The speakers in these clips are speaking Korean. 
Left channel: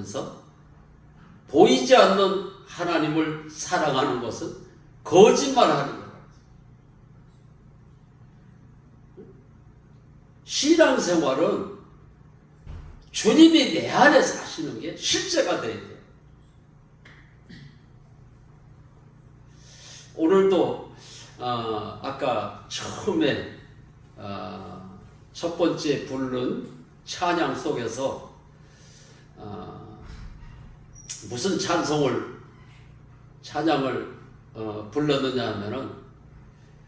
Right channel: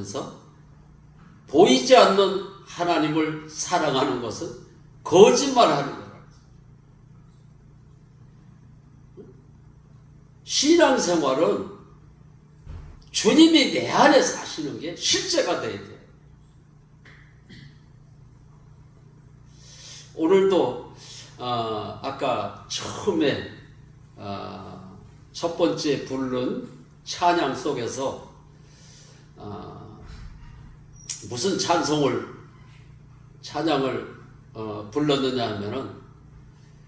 하면서 보이지 않는 하나님을 사랑하는 것은 거짓말하는 거라. 신앙생활은 주님이 내 안에 사시는 게 실제가 돼야 돼요. 오늘도 아까 처음에 첫 번째 부른 찬양 속에서 무슨 찬양을 불렀느냐 하면은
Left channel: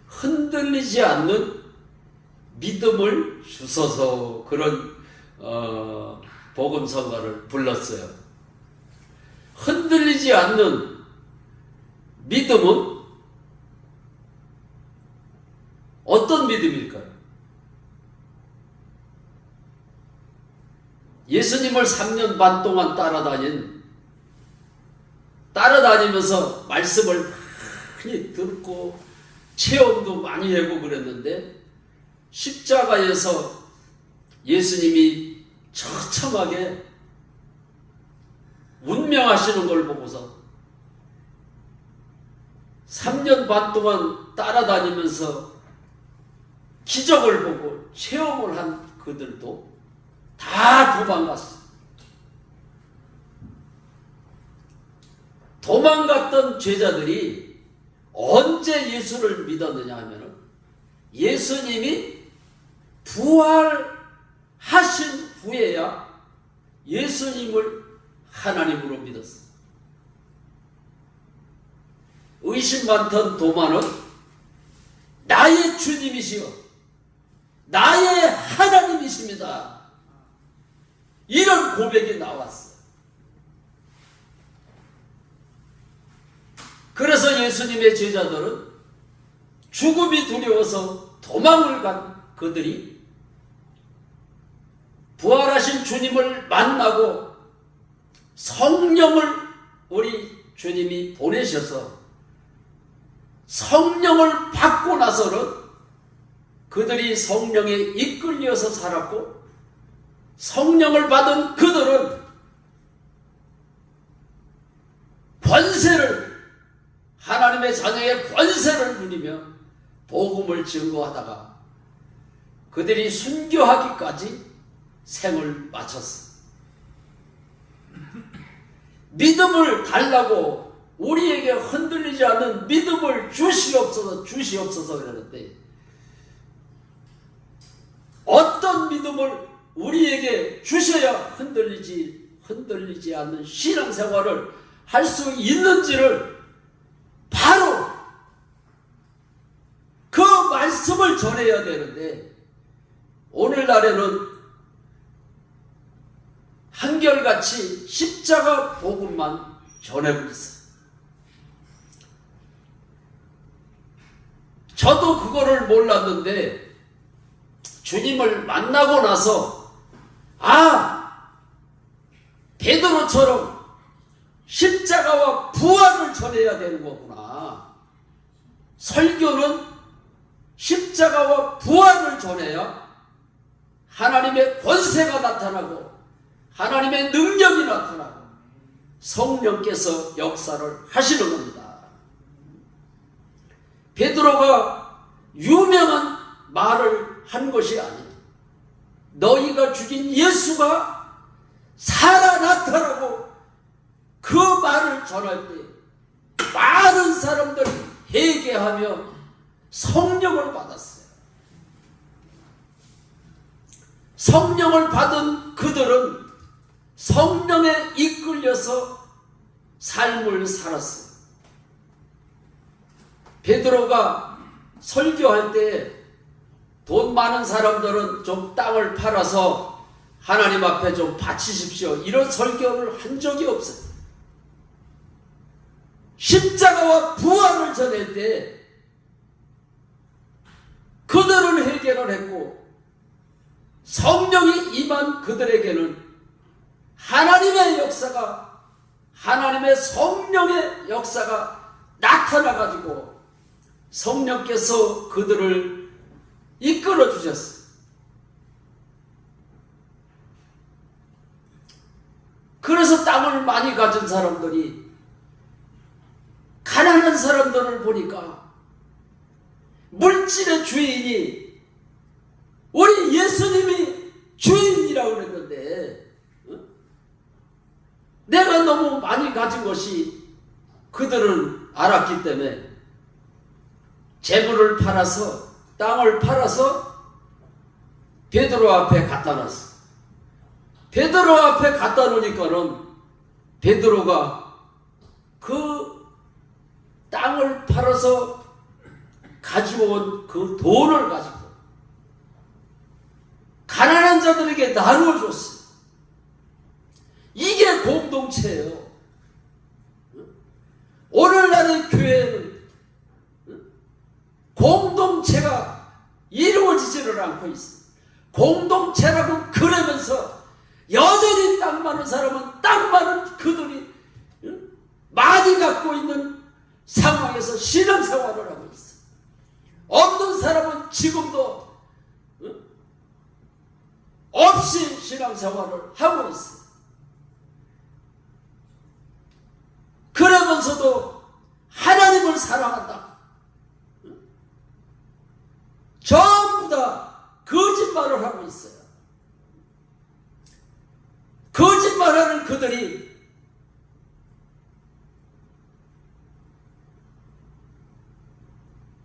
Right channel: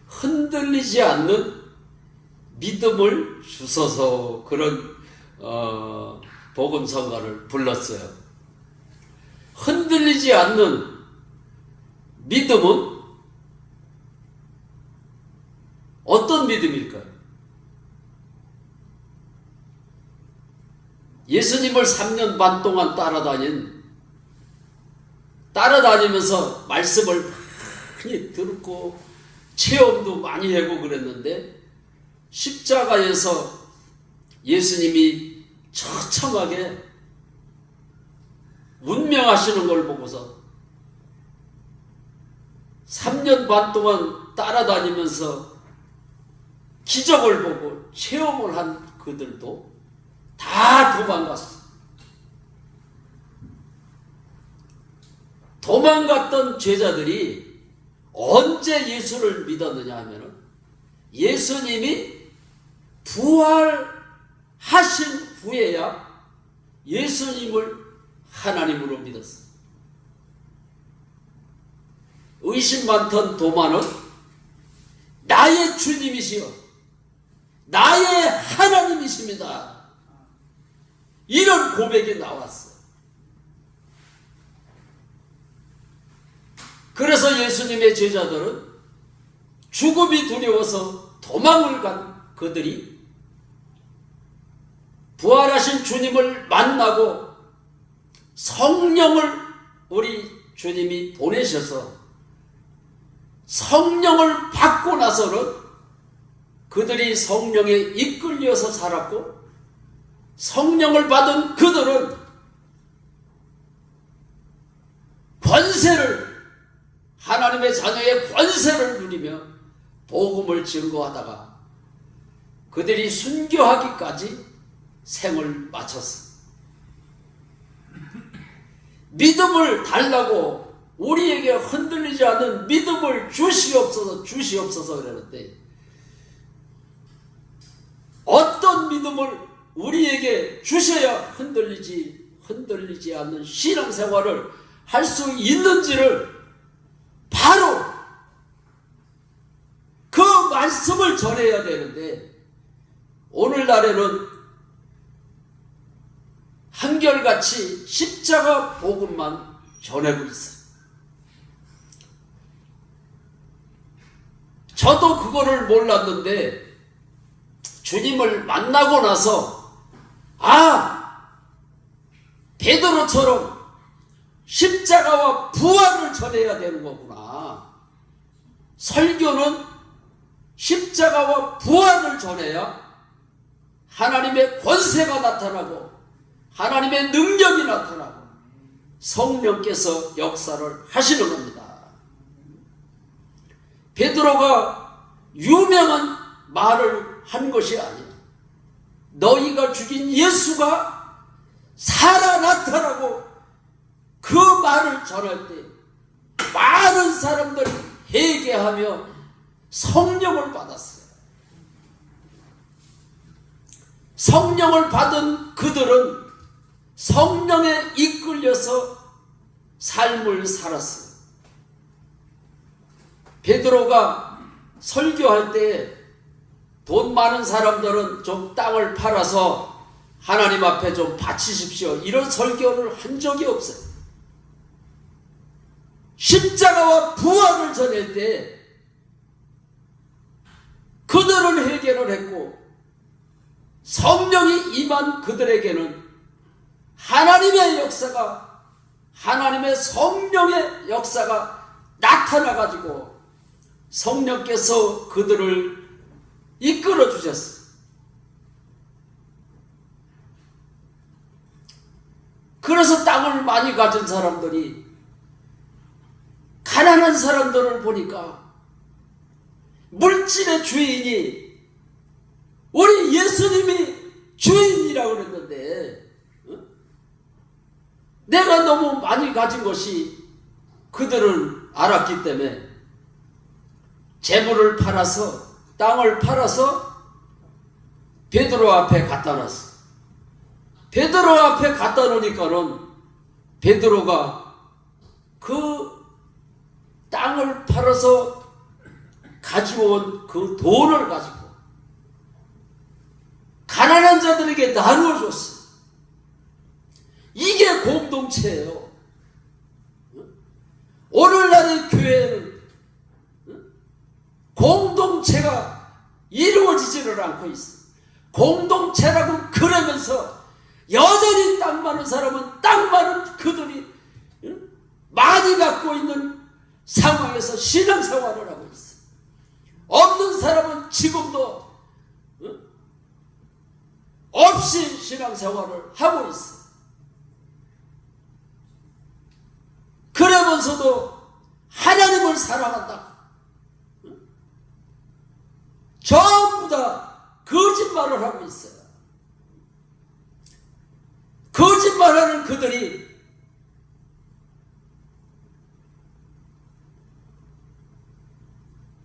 흔들리지 않는 믿음을 주소서, 그런 복음성가를 불렀어요. 흔들리지 않는 믿음은 어떤 믿음일까요? 예수님을 3년 반 동안 따라다니면서 말씀을 많이 듣고 체험도 많이 하고 그랬는데, 십자가에서 예수님이 처참하게 운명하시는 걸 보고서 3년 반 동안 따라다니면서 기적을 보고 체험을 한 그들도 다 도망갔어. 도망갔던 제자들이 언제 예수를 믿었느냐 하면은 예수님이 부활하신 후에야 예수님을 하나님으로 믿었어. 의심 많던 도마는 나의 주님이시여, 나의 하나님이십니다, 이런 고백이 나왔어. 그래서 예수님의 제자들은 죽음이 두려워서 도망을 간 그들이 부활하신 주님을 만나고 성령을 우리 주님이 보내셔서 성령을 받고 나서는 그들이 성령에 이끌려서 살았고, 성령을 받은 그들은 권세를, 하나님의 자녀의 권세를 누리며 복음을 증거하다가 그들이 순교하기까지 생을 마쳤어. 믿음을 달라고 우리에게 흔들리지 않는 믿음을 주시옵소서 그러는데, 어떤 믿음을 우리에게 주셔야 흔들리지 않는 신앙생활을 할 수 있는지를 바로 그 말씀을 전해야 되는데, 오늘날에는 한결같이 십자가 복음만 전하고 있어. 저도 그거를 몰랐는데 주님을 만나고 나서 베드로처럼 십자가와 부활을 전해야 되는 거구나. 설교는 십자가와 부활을 전해야 하나님의 권세가 나타나고 하나님의 능력이 나타나고 성령께서 역사를 하시는 겁니다. 베드로가 유명한 말을 한 것이 아니에요. 너희가 죽인 예수가 살아 나타나고 그 말을 전할 때 많은 사람들이 회개하며 성령을 받았어요. 성령을 받은 그들은 성령에 이끌려서 삶을 살았어요. 베드로가 설교할 때 돈 많은 사람들은 좀 땅을 팔아서 하나님 앞에 좀 바치십시오, 이런 설교를 한 적이 없어요. 십자가와 부활을 전할 때 그들은 회개를 했고, 성령이 임한 그들에게는 하나님의 역사가, 하나님의 성령의 역사가 나타나가지고 성령께서 그들을 이끌어 주셨어요. 그래서 땅을 많이 가진 사람들이 가난한 사람들을 보니까 물질의 주인이 우리 예수님이 주인이라고 그랬는데, 내가 너무 많이 가진 것이 그들은 알았기 때문에 재물을 팔아서, 땅을 팔아서 베드로 앞에 갖다 놨어. 베드로 앞에 갖다 놓으니까는 베드로가 그 땅을 팔아서 가지고 온 그 돈을 가지고 가난한 자들에게 나누어줬어요. 이게 공동체예요. 오늘날의 교회는 공동체가 이루어지지를 않고 있어요. 공동체라고 그러면서 여전히 땅 많은 사람은 땅 많은 그들이 많이 갖고 있는 상황에서 신앙생활을 하고 있어요. 없는 사람은 지금도 없이 신앙생활을 하고 있어요. 그러면서도 하나님을 사랑한다. 전부 다 거짓말을 하고 있어요. 거짓말하는 그들이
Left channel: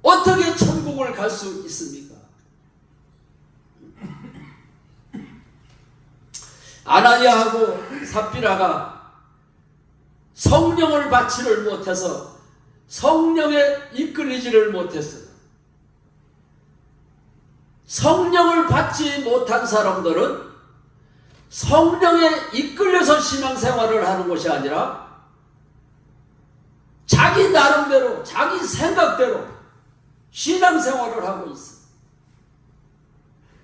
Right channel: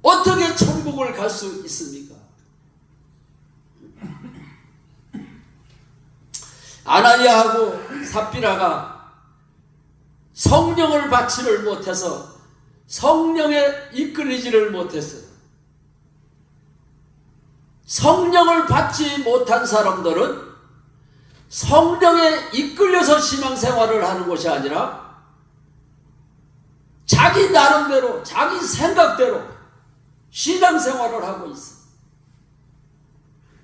어떻게 천국을 갈 수 있습니까? 아나니아하고 삽비라가 성령을 받지를 못해서, 성령에 이끌리지를 못했어요. 성령을 받지 못한 사람들은 성령에 이끌려서 신앙생활을 하는 것이 아니라 자기 나름대로, 자기 생각대로 신앙생활을 하고 있어요.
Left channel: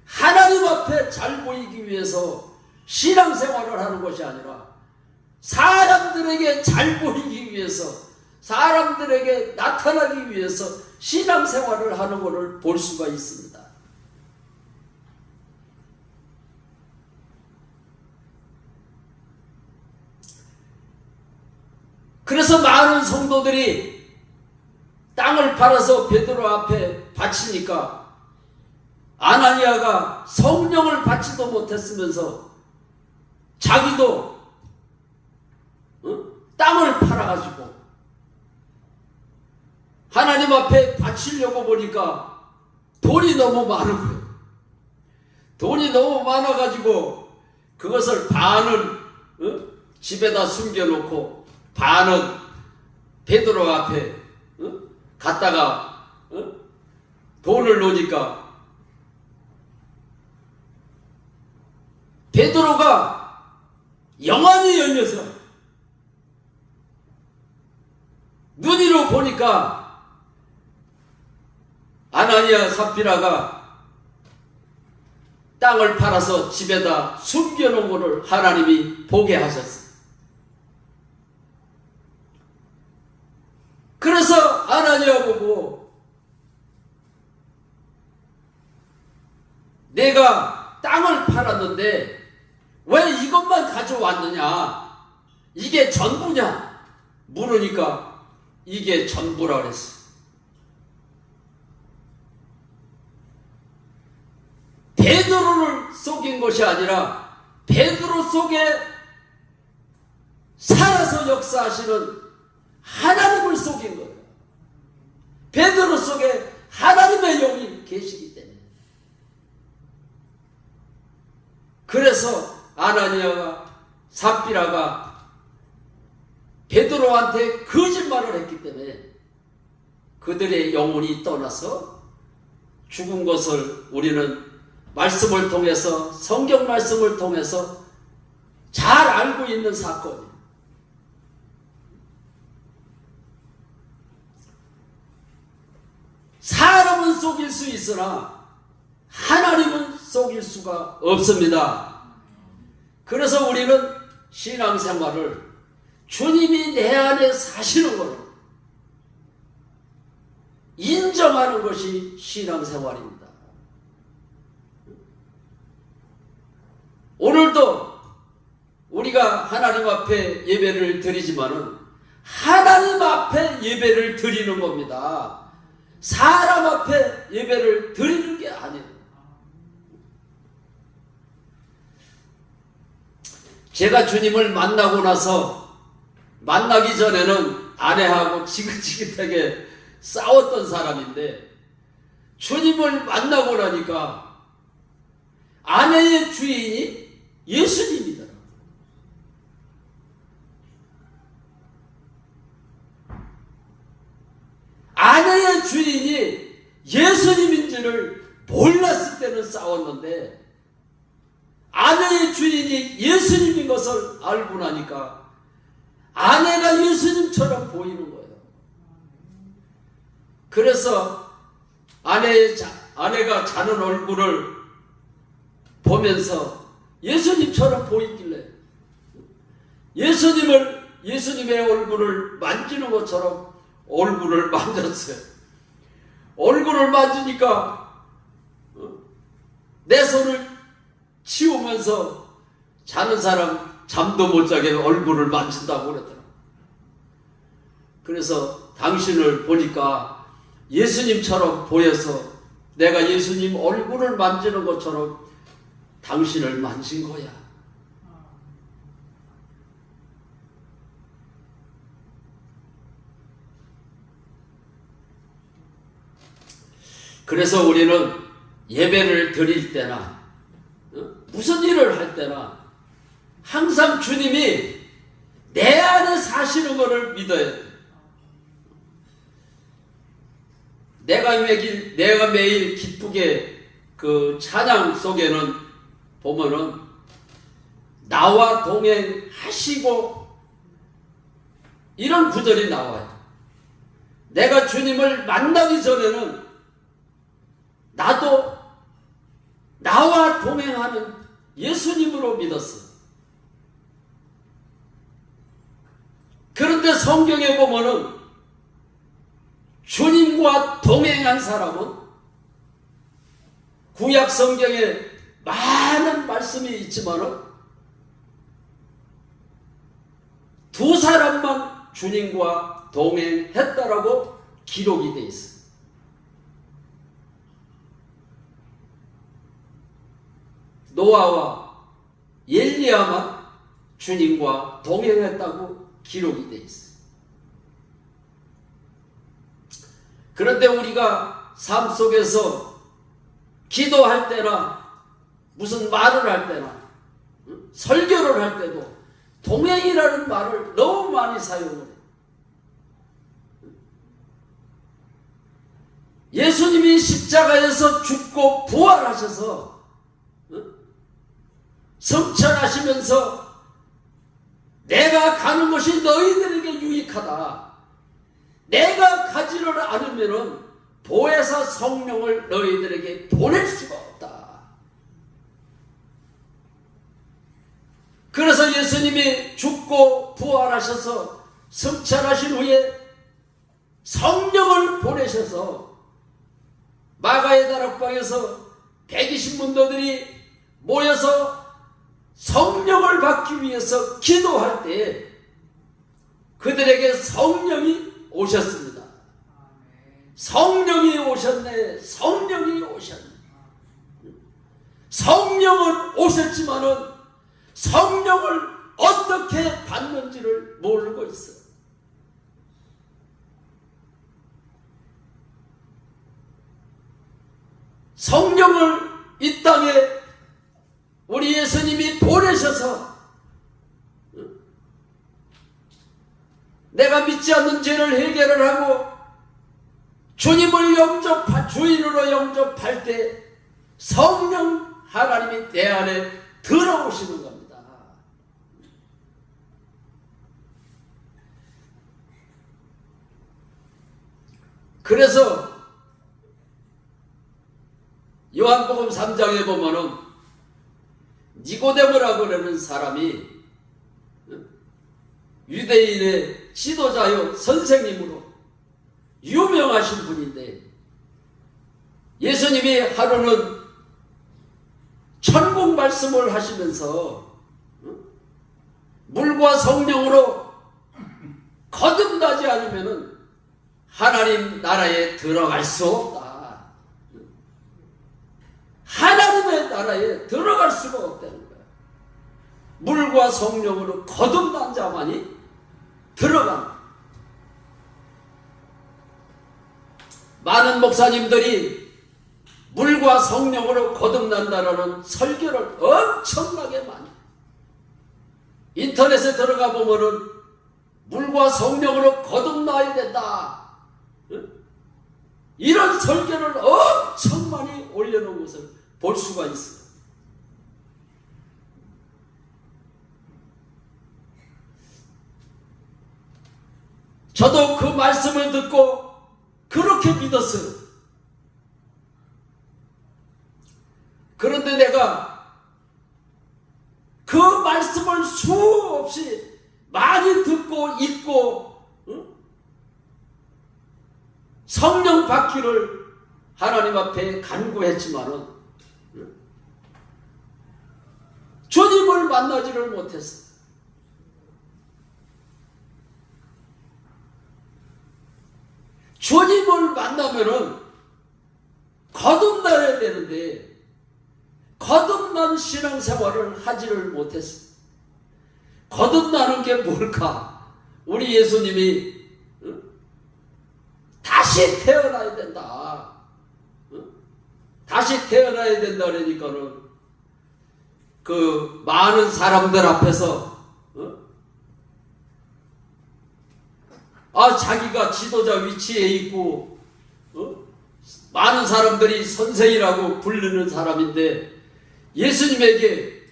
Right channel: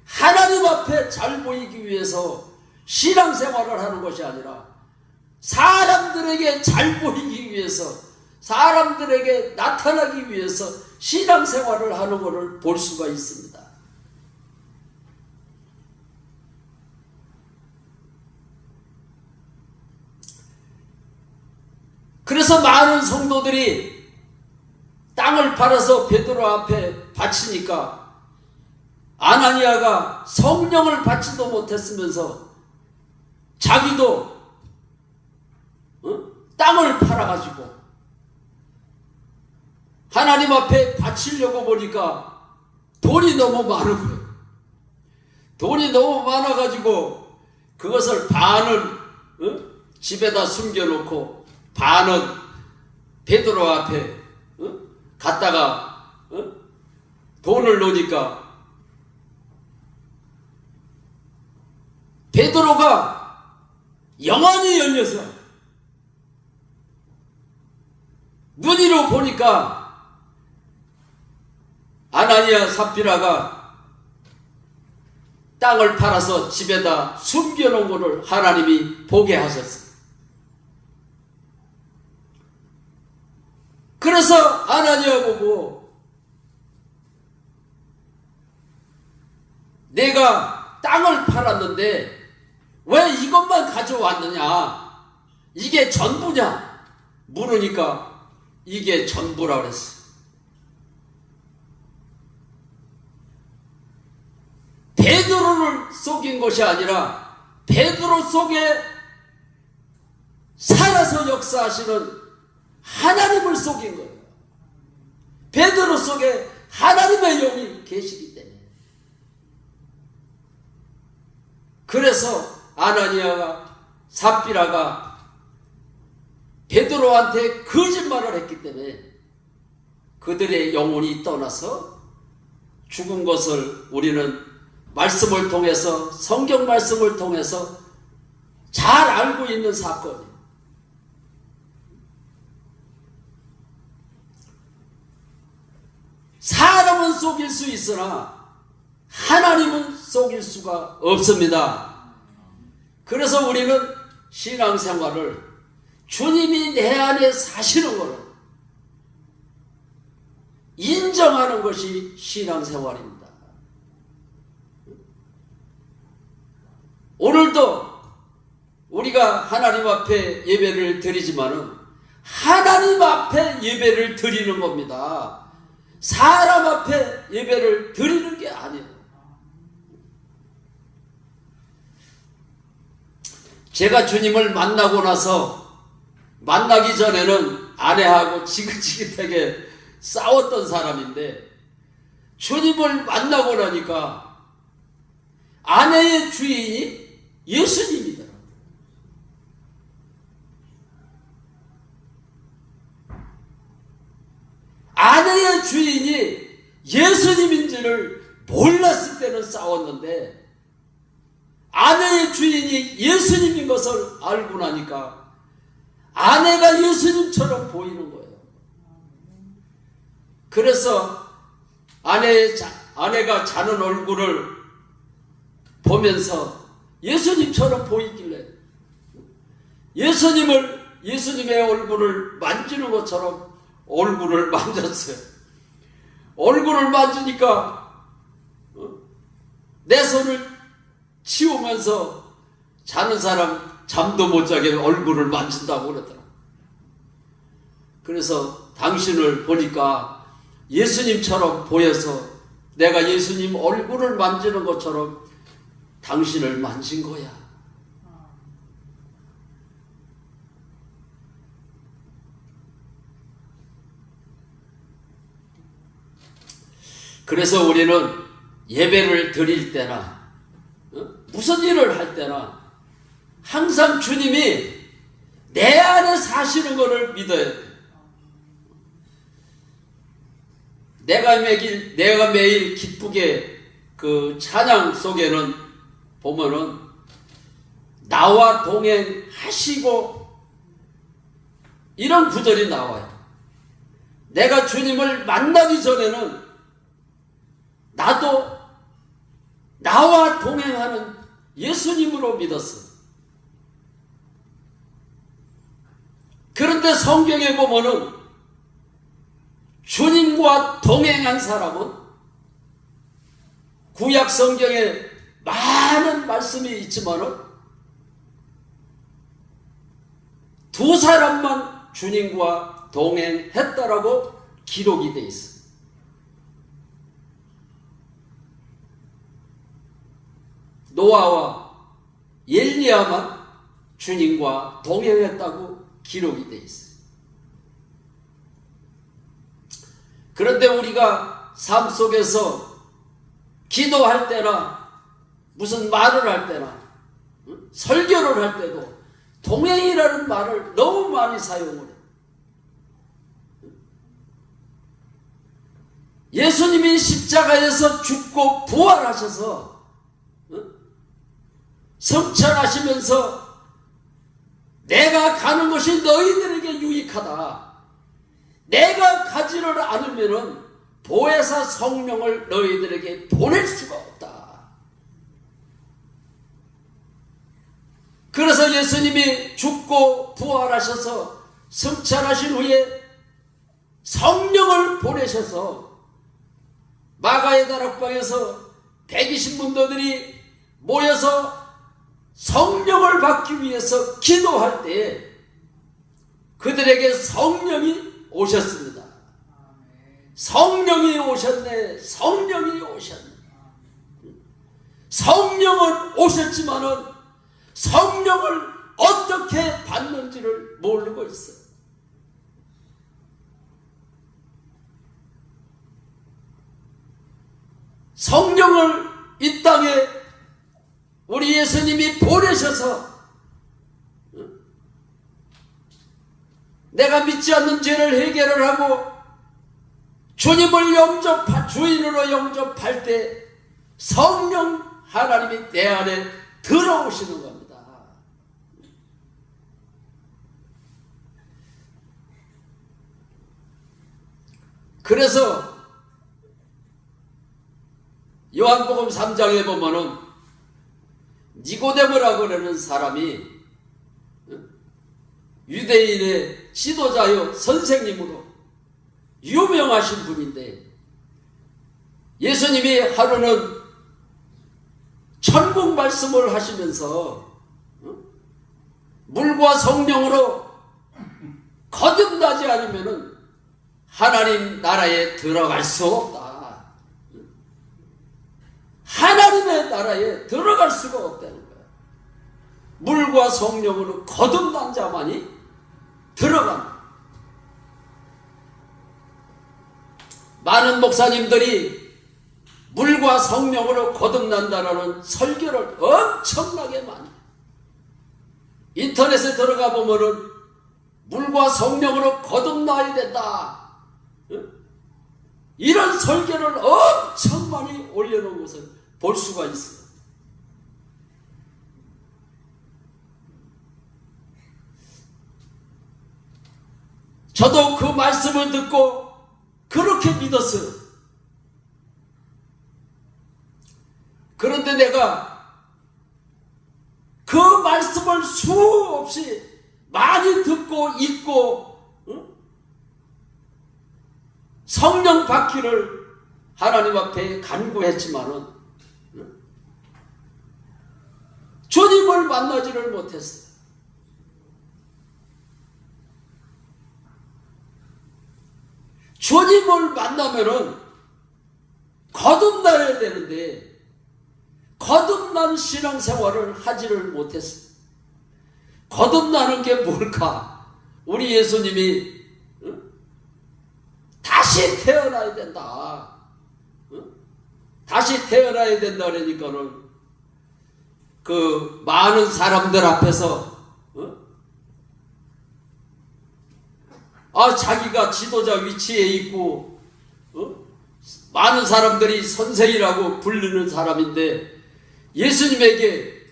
하나님 앞에 잘 보이기 위해서 신앙생활을 하는 것이 아니라 사람들에게 잘 보이기 위해서, 사람들에게 나타나기 위해서 신앙생활을 하는 것을 볼 수가 있습니다. 그래서 많은 성도들이 땅을 팔아서 베드로 앞에 바치니까 아나니아가 성령을 받지도 못했으면서 자기도 땅을 팔아가지고 하나님 앞에 바치려고 보니까 돈이 너무 많은 거예요. 돈이 너무 많아가지고 그것을 반은 집에다 숨겨놓고 반은 베드로 앞에 갔다가 돈을 넣으니까 베드로가 영안이 열려서 눈으로 보니까 아나니아 삽비라가 땅을 팔아서 집에다 숨겨놓은 것을 하나님이 보게 하셨어요. 그래서 아나니아 보고 내가 땅을 팔았는데 왜 이것만 가져왔느냐? 이게 전부냐? 물으니까 이게 전부라 그랬어. 베드로를 속인 것이 아니라 베드로 속에 살아서 역사하시는 하나님을 속인 거예요. 베드로 속에 하나님의 영이 계시기 때문에. 그래서 아나니아가 삽비라가 베드로한테 거짓말을 했기 때문에 그들의 영혼이 떠나서 죽은 것을 우리는 말씀을 통해서, 성경 말씀을 통해서 잘 알고 있는 사건이에요. 사람은 속일 수 있으나 하나님은 속일 수가 없습니다. 그래서 우리는 신앙생활을 주님이 내 안에 사시는 것을 인정하는 것이 신앙생활입니다. 오늘도 우리가 하나님 앞에 예배를 드리지만은 하나님 앞에 예배를 드리는 겁니다. 사람 앞에 예배를 드리는 게 아니에요. 제가 주님을 만나고 나서 만나기 전에는 아내하고 지긋지긋하게 싸웠던 사람인데 주님을 만나고 나니까 아내의 주인이 예수님이더라고요. 아내의 주인이 예수님인지를 몰랐을 때는 싸웠는데 아내의 주인이 예수님인 것을 알고 나니까 아내가 예수님처럼 보이는 거예요. 그래서 아내가 자는 얼굴을 보면서 예수님처럼 보이길래 예수님의 얼굴을 만지는 것처럼 얼굴을 만졌어요. 얼굴을 만지니까 내 손을 치우면서 자는 사람 잠도 못 자게 얼굴을 만진다고 그러더라고요. 그래서 당신을 보니까 예수님처럼 보여서 내가 예수님 얼굴을 만지는 것처럼 당신을 만진 거야. 그래서 우리는 예배를 드릴 때나 무슨 일을 할 때나 항상 주님이 내 안에 사시는 것을 믿어야 돼. 내가 매일 기쁘게 그 찬양 속에는 보면은 나와 동행하시고 이런 구절이 나와요. 내가 주님을 만나기 전에는 나도 나와 동행하는 예수님으로 믿었어. 그런데 성경에 보면은 주님과 동행한 사람은 구약 성경에 많은 말씀이 있지만은 두 사람만 주님과 동행했다라고 기록이 되어 있어요. 노아와 엘리야만 주님과 동행했다고 기록이 되어 있어요. 그런데 우리가 삶 속에서 기도할 때나 무슨 말을 할 때나 설교를 할 때도 동행이라는 말을 너무 많이 사용을 해요. 예수님이 십자가에서 죽고 부활하셔서 성천하시면서 내가 가는 것이 너희들에게 유익하다. 내가 가지를 않으면 보혜사 성령을 너희들에게 보낼 수가 없다. 그래서 예수님이 죽고 부활하셔서 성천하신 후에 성령을 보내셔서 마가의 다락방에서 120문도들이 모여서 성령을 받기 위해서 기도할 때 그들에게 성령이 오셨습니다. 성령이 오셨네. 성령이 오셨네. 성령은 오셨지만은 성령을 어떻게 받는지를 모르고 있어요. 성령을 이 땅에 우리 예수님이 보내셔서 내가 믿지 않는 죄를 해결을 하고 주님을 주인으로 영접할 때 성령 하나님이 내 안에 들어오시는 겁니다. 그래서 요한복음 3장에 보면은 니고데모라고 하는 사람이 유대인의 지도자요 선생님으로 유명하신 분인데 예수님이 하루는 천국 말씀을 하시면서 물과 성령으로 거듭나지 않으면 하나님 나라에 들어갈 수 없다. 하나님의 나라에 들어갈 수가 없다는 거야. 물과 성령으로 거듭난 자만이 들어간다. 많은 목사님들이 물과 성령으로 거듭난다라는 설교를 엄청나게 많이 인터넷에 들어가 보면은 물과 성령으로 거듭나야 된다. 이런 설교를 엄청 많이 올려놓은 것을 볼 수가 있어요. 저도 그 말씀을 듣고 그렇게 믿었어요. 그런데 내가 그 말씀을 수없이 많이 듣고 읽고 성령 받기를 하나님 앞에 간구했지만은 주님을 만나지를 못했어요. 주님을 만나면은 거듭나야 되는데 거듭난 신앙생활을 하지를 못했어요. 거듭나는 게 뭘까? 우리 예수님이 다시 태어나야 된다. 다시 태어나야 된다 그러니까는 그 많은 사람들 앞에서 자기가 지도자 위치에 있고 많은 사람들이 선생이라고 부르는 사람인데 예수님에게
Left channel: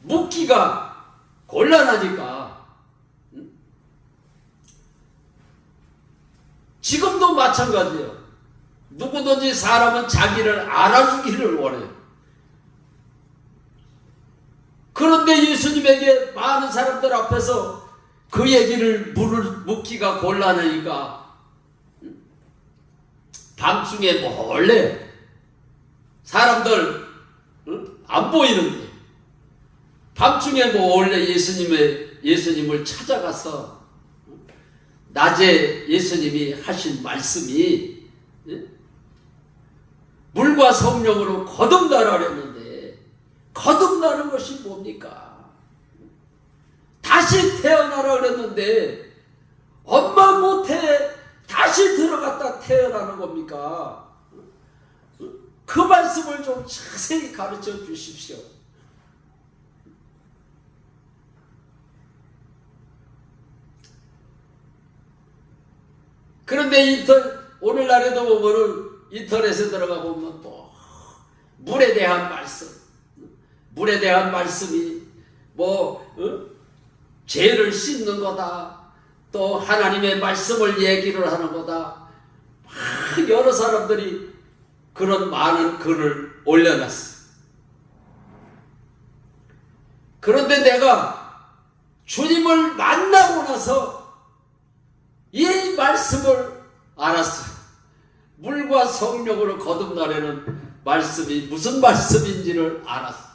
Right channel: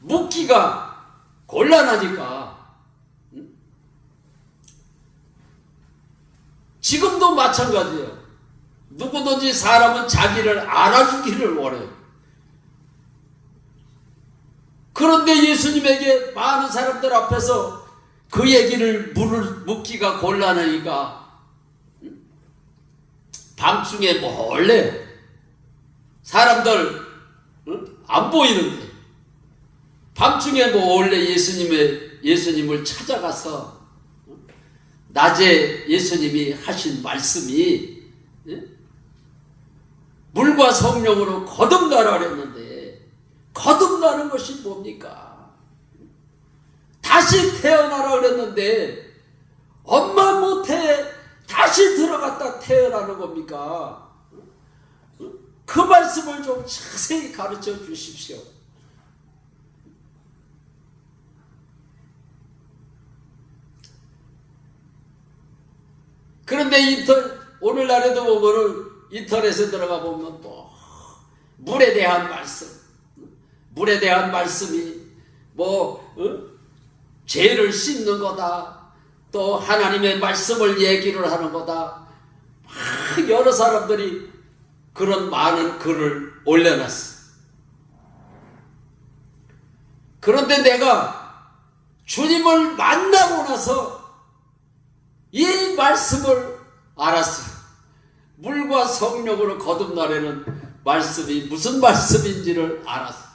묻기가 곤란하니까 지금도 마찬가지예요. 누구든지 사람은 자기를 알아주기를 원해요. 그런데 예수님에게 많은 사람들 앞에서 그 얘기를 묻기가 곤란하니까 밤중에 몰래 사람들 안 보이는데 밤중에 몰래 예수님을 찾아가서 낮에 예수님이 하신 말씀이 물과 성령으로 거듭나라 그랬는데 거듭나는 것이 뭡니까? 다시 태어나라 그랬는데 엄마 못해 다시 들어갔다 태어나는 겁니까? 그 말씀을 좀 자세히 가르쳐 주십시오. 그런데 오늘날에도 보면은 인터넷에 들어가 보면 또 물에 대한 말씀이 죄를 씻는 거다. 또 하나님의 말씀을 얘기를 하는 거다. 여러 사람들이 그런 많은 글을 올려놨어. 그런데 내가 주님을 만나고 나서 이 말씀을 알았어요. 물과 성령으로 거듭나라는 말씀이 무슨 말씀인지를 알았어요.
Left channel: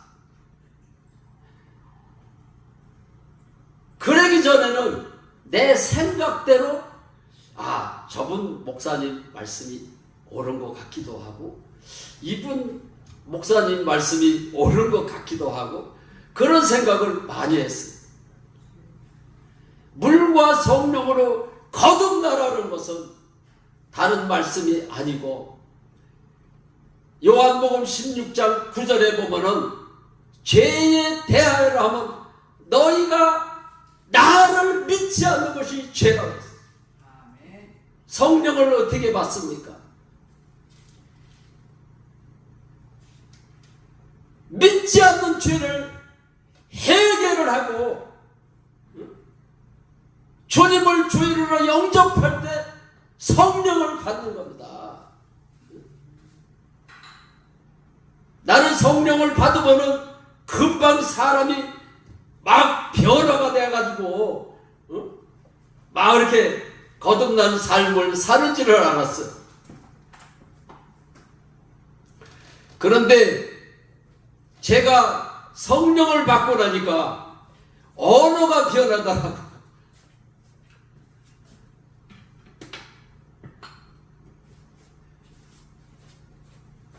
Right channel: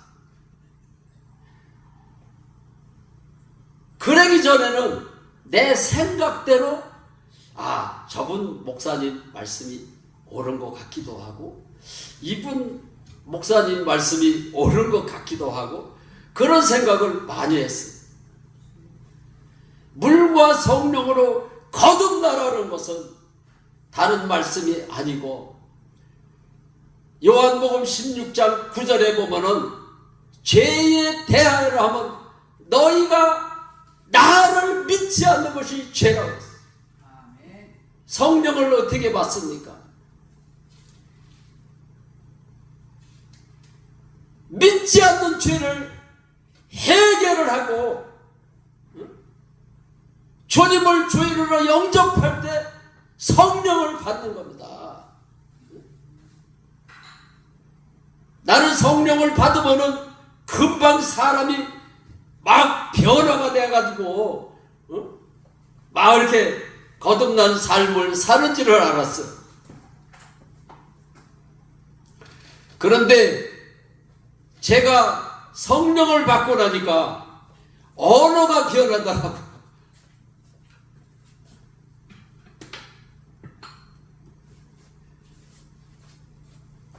그러기 전에는 내 생각대로 저분 목사님 말씀이 옳은 것 같기도 하고 이분 목사님 말씀이 옳은 것 같기도 하고 그런 생각을 많이 했어요. 물과 성령으로 거듭나라는 것은 다른 말씀이 아니고 요한복음 16장 9절에 보면은 죄에 대하여라 하면 너희가 나를 믿지 않는 것이 죄라고 했어요. 성령을 어떻게 받습니까? 믿지 않는 죄를 해결을 하고 주님을 주인으로 영접할 때 성령을 받는 겁니다. 나는 성령을 받으면은 금방 사람이 막 변화가 돼가지고 막 이렇게 거듭난 삶을 사는 줄을 알았어요. 그런데 제가 성령을 받고 나니까 언어가 변하더라고.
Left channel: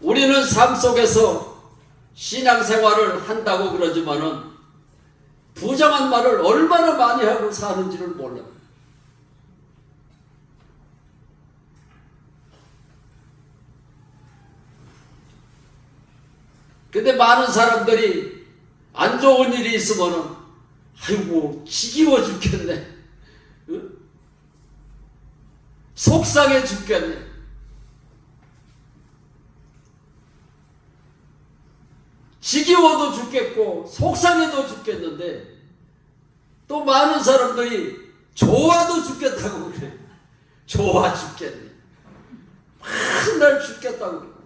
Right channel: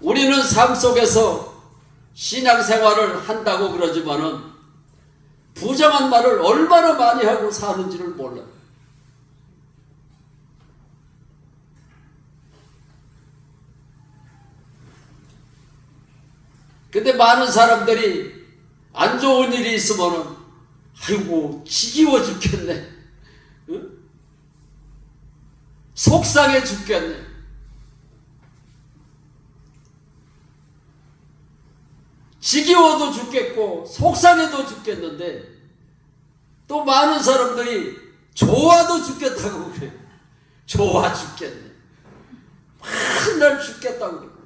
우리는 삶 속에서 신앙생활을 한다고 그러지만은 부정한 말을 얼마나 많이 하고 사는지를 몰라요. 근데 많은 사람들이 안 좋은 일이 있으면은 아이고 지겨워 죽겠네, 응? 속상해 죽겠네, 지겨워도 죽겠고 속상해도 죽겠는데 또 많은 사람들이 좋아도 죽겠다고 그래요. 좋아 죽겠네, 맨날 죽겠다고 그래요.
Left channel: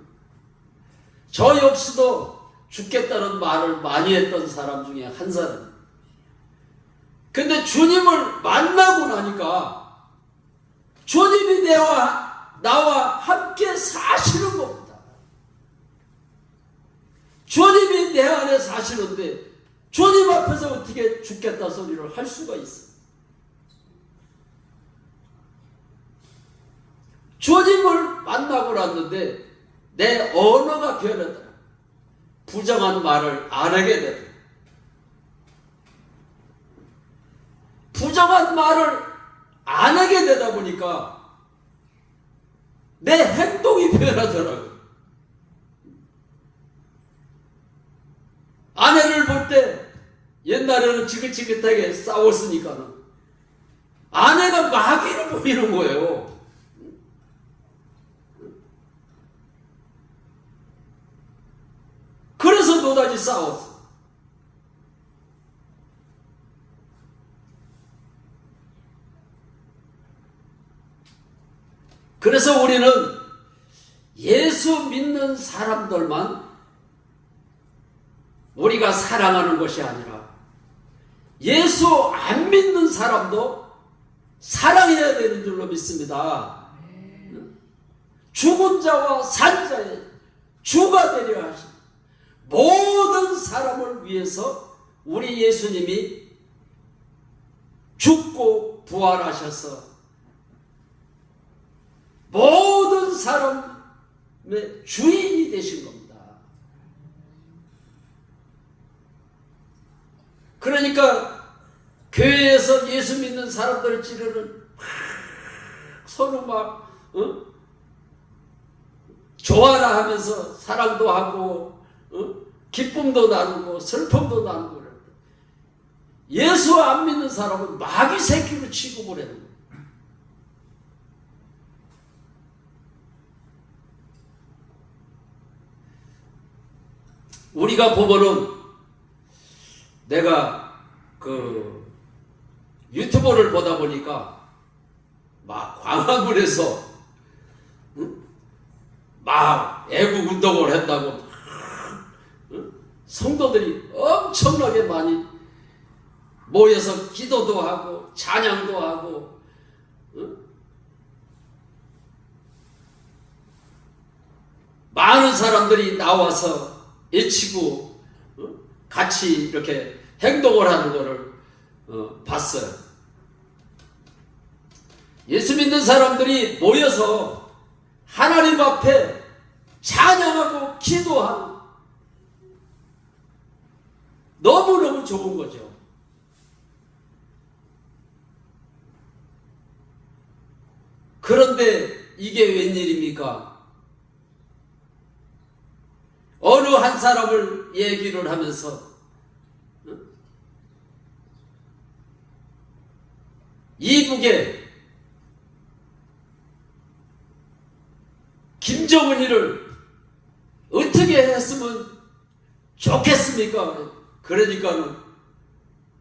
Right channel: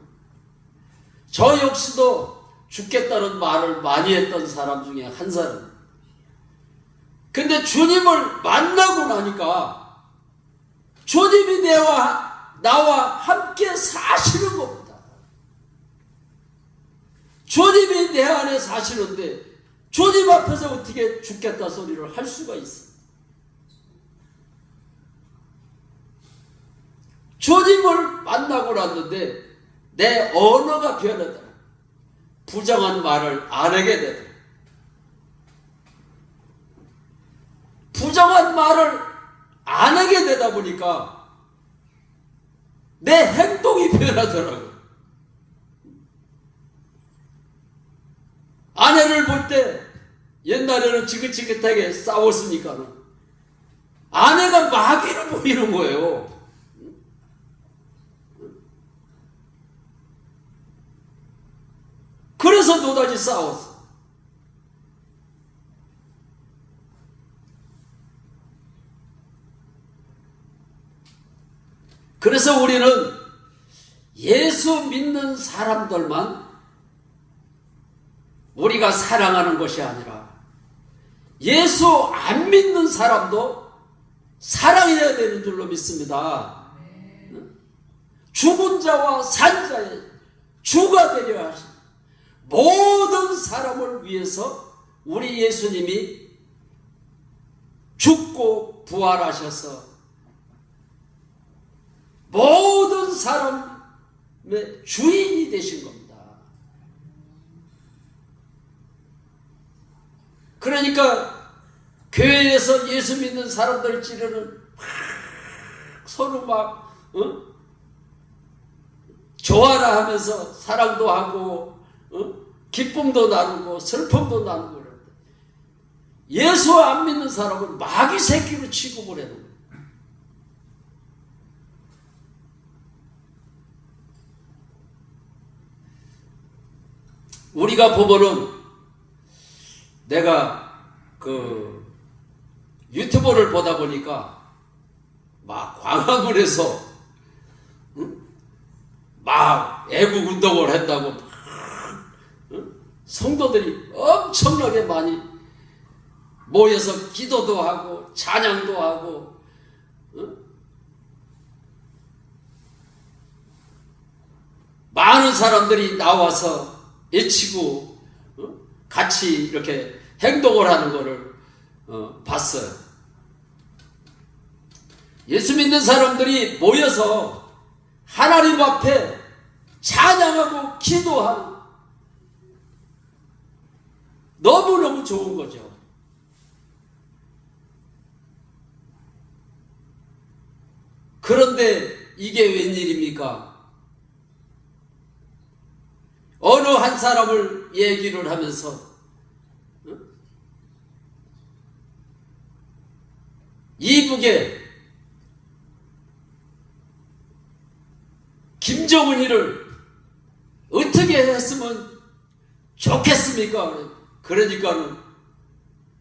저 역시도 죽겠다는 말을 많이 했던 사람 중에 한 사람이에요. 근데 주님을 만나고 나니까 주님이 나와 함께 사시는 겁니다. 주님이 내 안에 사시는데 주님 앞에서 어떻게 죽겠다 소리를 할 수가 있어? 주님을 만나고 났는데 내 언어가 변하더라. 부정한 말을 안 하게 되더라. 부정한 말을 안 하게 되다 보니까 내 행동이 변하더라고요. 아내를 볼 때 옛날에는 지긋지긋하게 싸웠으니까는 아내가 마귀를 보이는 거예요. 그래서 노다지 싸웠어. 그래서 우리는 예수 믿는 사람들만 우리가 사랑하는 것이 아니라 예수 안 믿는 사람도 사랑해야 되는 줄로 믿습니다. 죽은 자와 산 자의 주가 되려 하신 모든 사람을 위해서 우리 예수님이 죽고 부활하셔서 모든 사람의 주인이 되신 겁니다. 그러니까 교회에서 예수 믿는 사람들을 찌르는 서로 막 좋아라 하면서 사랑도 하고 기쁨도 나누고 슬픔도 나누고 그러는데 예수 안 믿는 사람은 마귀 새끼로 취급을 해요. 우리가 보면은 내가 그 유튜브를 보다 보니까 막 광화문에서 막 애국 운동을 했다고 성도들이 엄청나게 많이 모여서 기도도 하고 찬양도 하고 많은 사람들이 나와서 외치고 같이 이렇게 행동을 하는 것을 봤어요. 예수 믿는 사람들이 모여서 하나님 앞에 찬양하고 기도하고 너무너무 좋은 거죠. 그런데 이게 웬일입니까? 어느 한 사람을 얘기를 하면서 이북에 김정은이를 어떻게 했으면 좋겠습니까? 그러니까는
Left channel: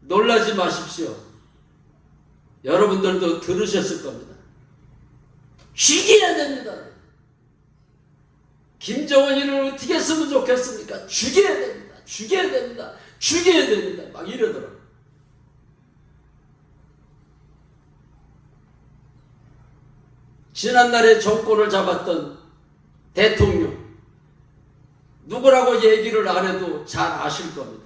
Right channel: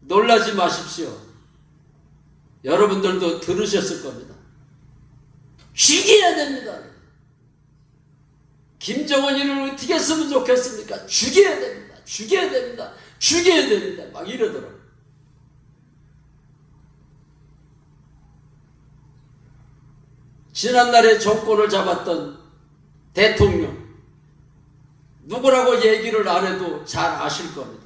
놀라지 마십시오. 여러분들도 들으셨을 겁니다. 죽여야 됩니다. 김정은이를 어떻게 했으면 좋겠습니까? 죽여야 됩니다. 죽여야 됩니다. 죽여야 됩니다. 막 이러더라고요. 지난날에 정권을 잡았던 대통령 누구라고 얘기를 안 해도 잘 아실 겁니다.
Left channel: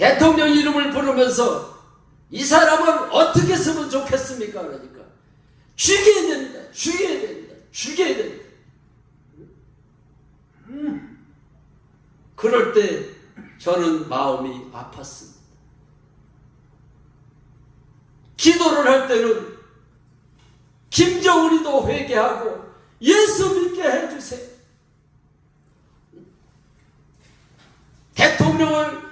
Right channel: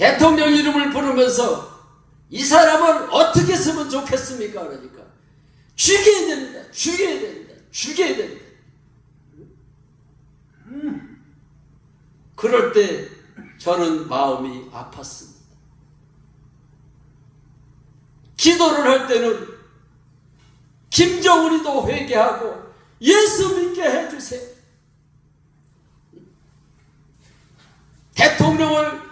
대통령 이름을 부르면서 이 사람을 어떻게 쓰면 좋겠습니까? 그러니까 죽여야 됩니다. 죽여야 됩니다. 죽여야 됩니다. 그럴 때 저는 마음이 아팠습니다. 기도를 할 때는 김정은이도 회개하고 예수 믿게 해주세요. 대통령을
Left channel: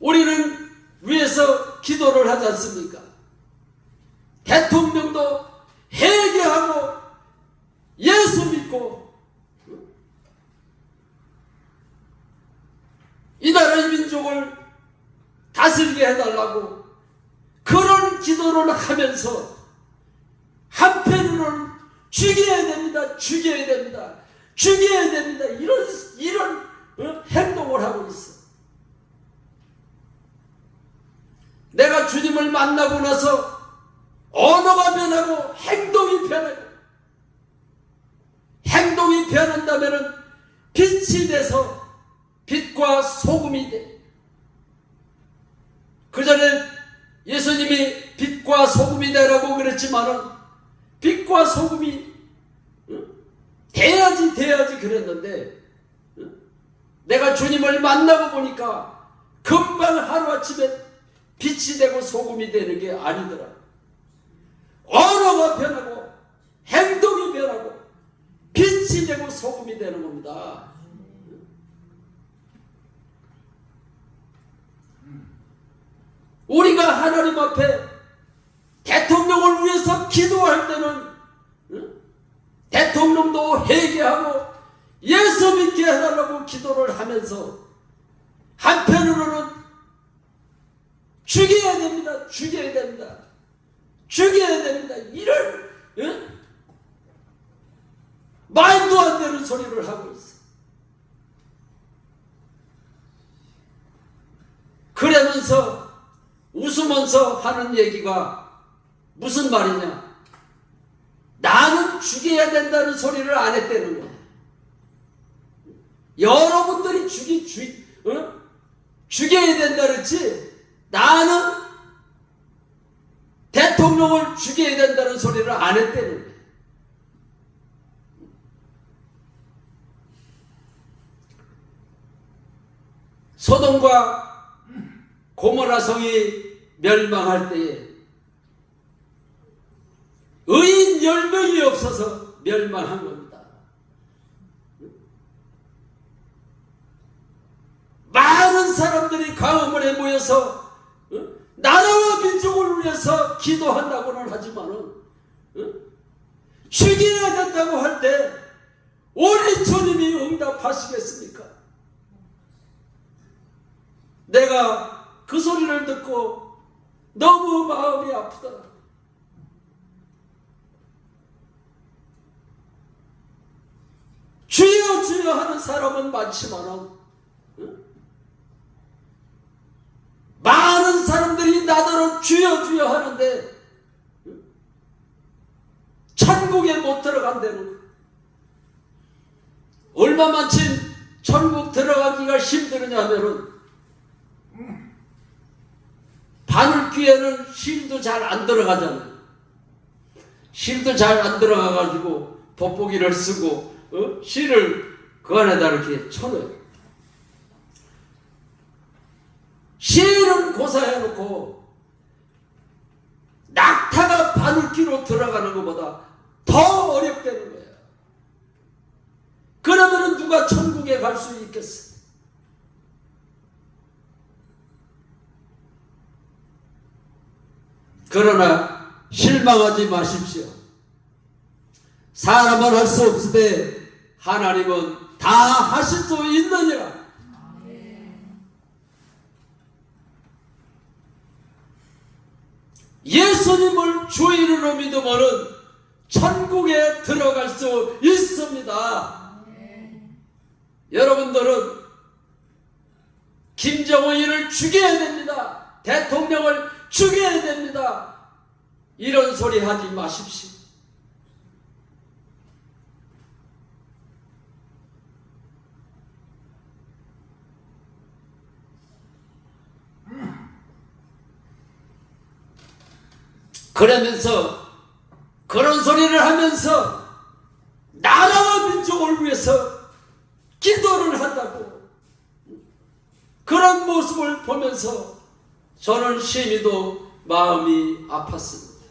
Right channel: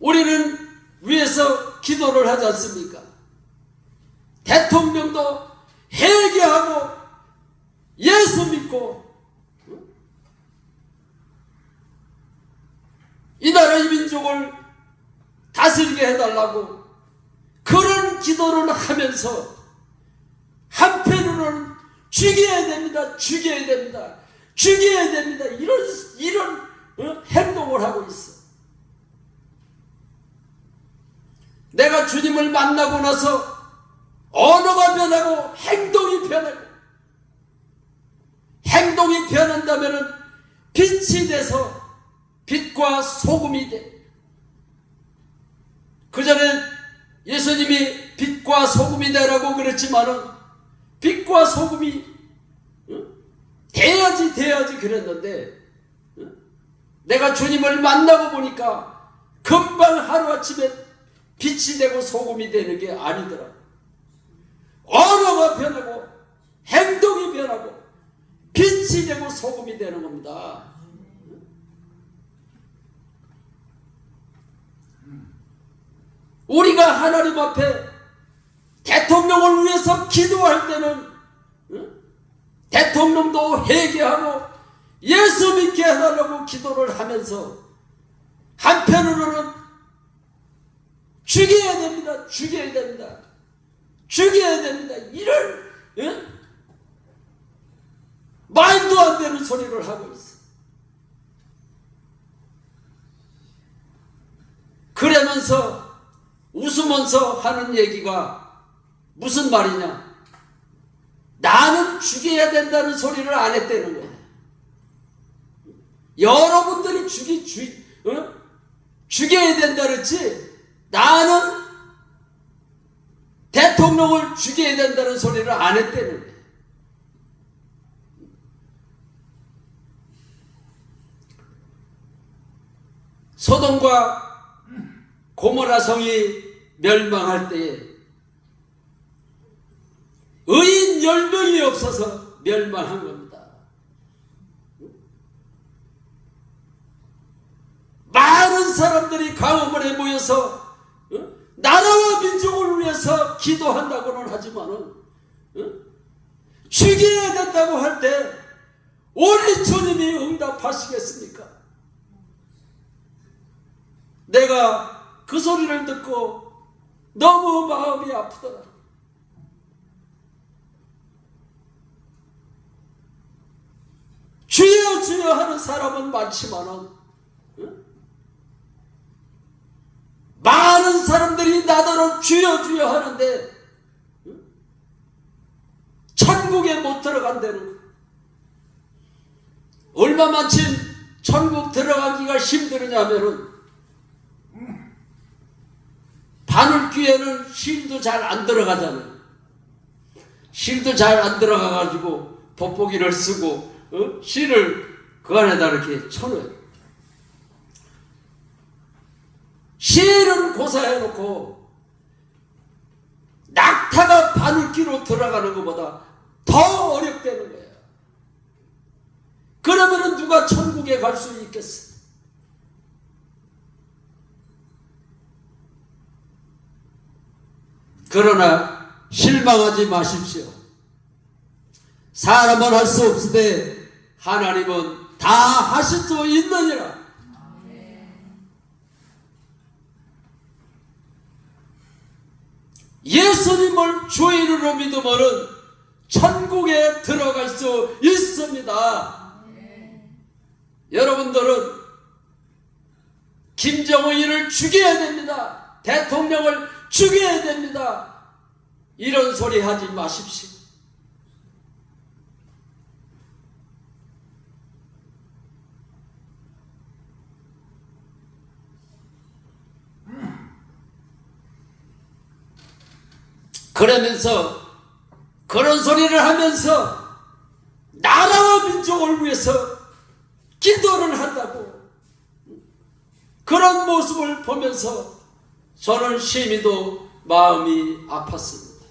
우리는 위해서 기도를 하지 않습니까? 대통령도 회개하고 예수 믿고 이 나라 이 민족을 다스리게 해달라고 그런 기도를 하면서 한편으로는 죽여야 됩니다. 죽여야 됩니다. 죽여야 됩니다. 이런 행동을 하고 있어. 내가 주님을 만나고 나서 언어가 변하고 행동이 변하고 행동이 변한다면 빛이 돼서 빛과 소금이 돼. 그 전에 예수님이 빛과 소금이 되라고 그랬지만은 빛과 소금이 돼야지 그랬는데 내가 주님을 만나고 보니까 금방 하루아침에 빛이 되고 소금이 되는 게 아니더라. 언어가 변하고 행동이 변하고 빛이 되고 소금이 되는 겁니다. 우리가 하나님 앞에 대통령을 위해서 기도할 때는 대통령도 회개하고 예수 믿게 해달라고 기도를 하면서 한편으로는 죽여야 됩니다. 죽여야 됩니다. 죽여야 됩니다. 이런 말도 안 되는 소리를 하고 있어. 그러면서 웃으면서 하는 얘기가 무슨 말이냐? 나는 죽여야 된다는 소리를 안 했다는 거야. 여러분들이 죽여야 된다 그랬지 나는 대통령을 죽여야 된다는 소리를 안 했다는 거야. 소돔과 고모라 성이 멸망할 때에 의인 10명이 없어서 멸망한 겁니다. 많은 사람들이 광화문에 모여서 나라와 민족을 위해서 기도한다고는 하지만은 죽여야 된다고 할 때 우리 주님이 응답하시겠습니까? 내가 그 소리를 듣고 너무 마음이 아프더라. 주여 주여 하는 사람은 많지만은 많은 사람들이 나더러 주여 주여 하는데 천국에 못 들어간다는 거예요. 얼마만큼 천국 들어가기가 힘드느냐면은 바늘귀에는 실도 잘 안 들어가잖아요. 실도 잘 안 들어가가지고 돋보기를 쓰고 실을 그 안에다 이렇게 쳐넣어요. 실은 고사해놓고 낙타가 바늘귀로 들어가는 것보다 더 어렵다는 거예요. 그러면 누가 천국에 갈 수 있겠어요? 그러나 실망하지 마십시오. 사람은 할 수 없으되 하나님은 다 하실 수 있느니라. 예수님을 주인으로 믿으면 천국에 들어갈 수 있습니다. 여러분들은 김정은을 죽여야 됩니다. 대통령을 죽여야 됩니다. 이런 소리 하지 마십시오. 그러면서 그런 소리를 하면서 나라와 민족을 위해서 기도를 한다고 그런 모습을 보면서 저는 심히도 마음이 아팠습니다.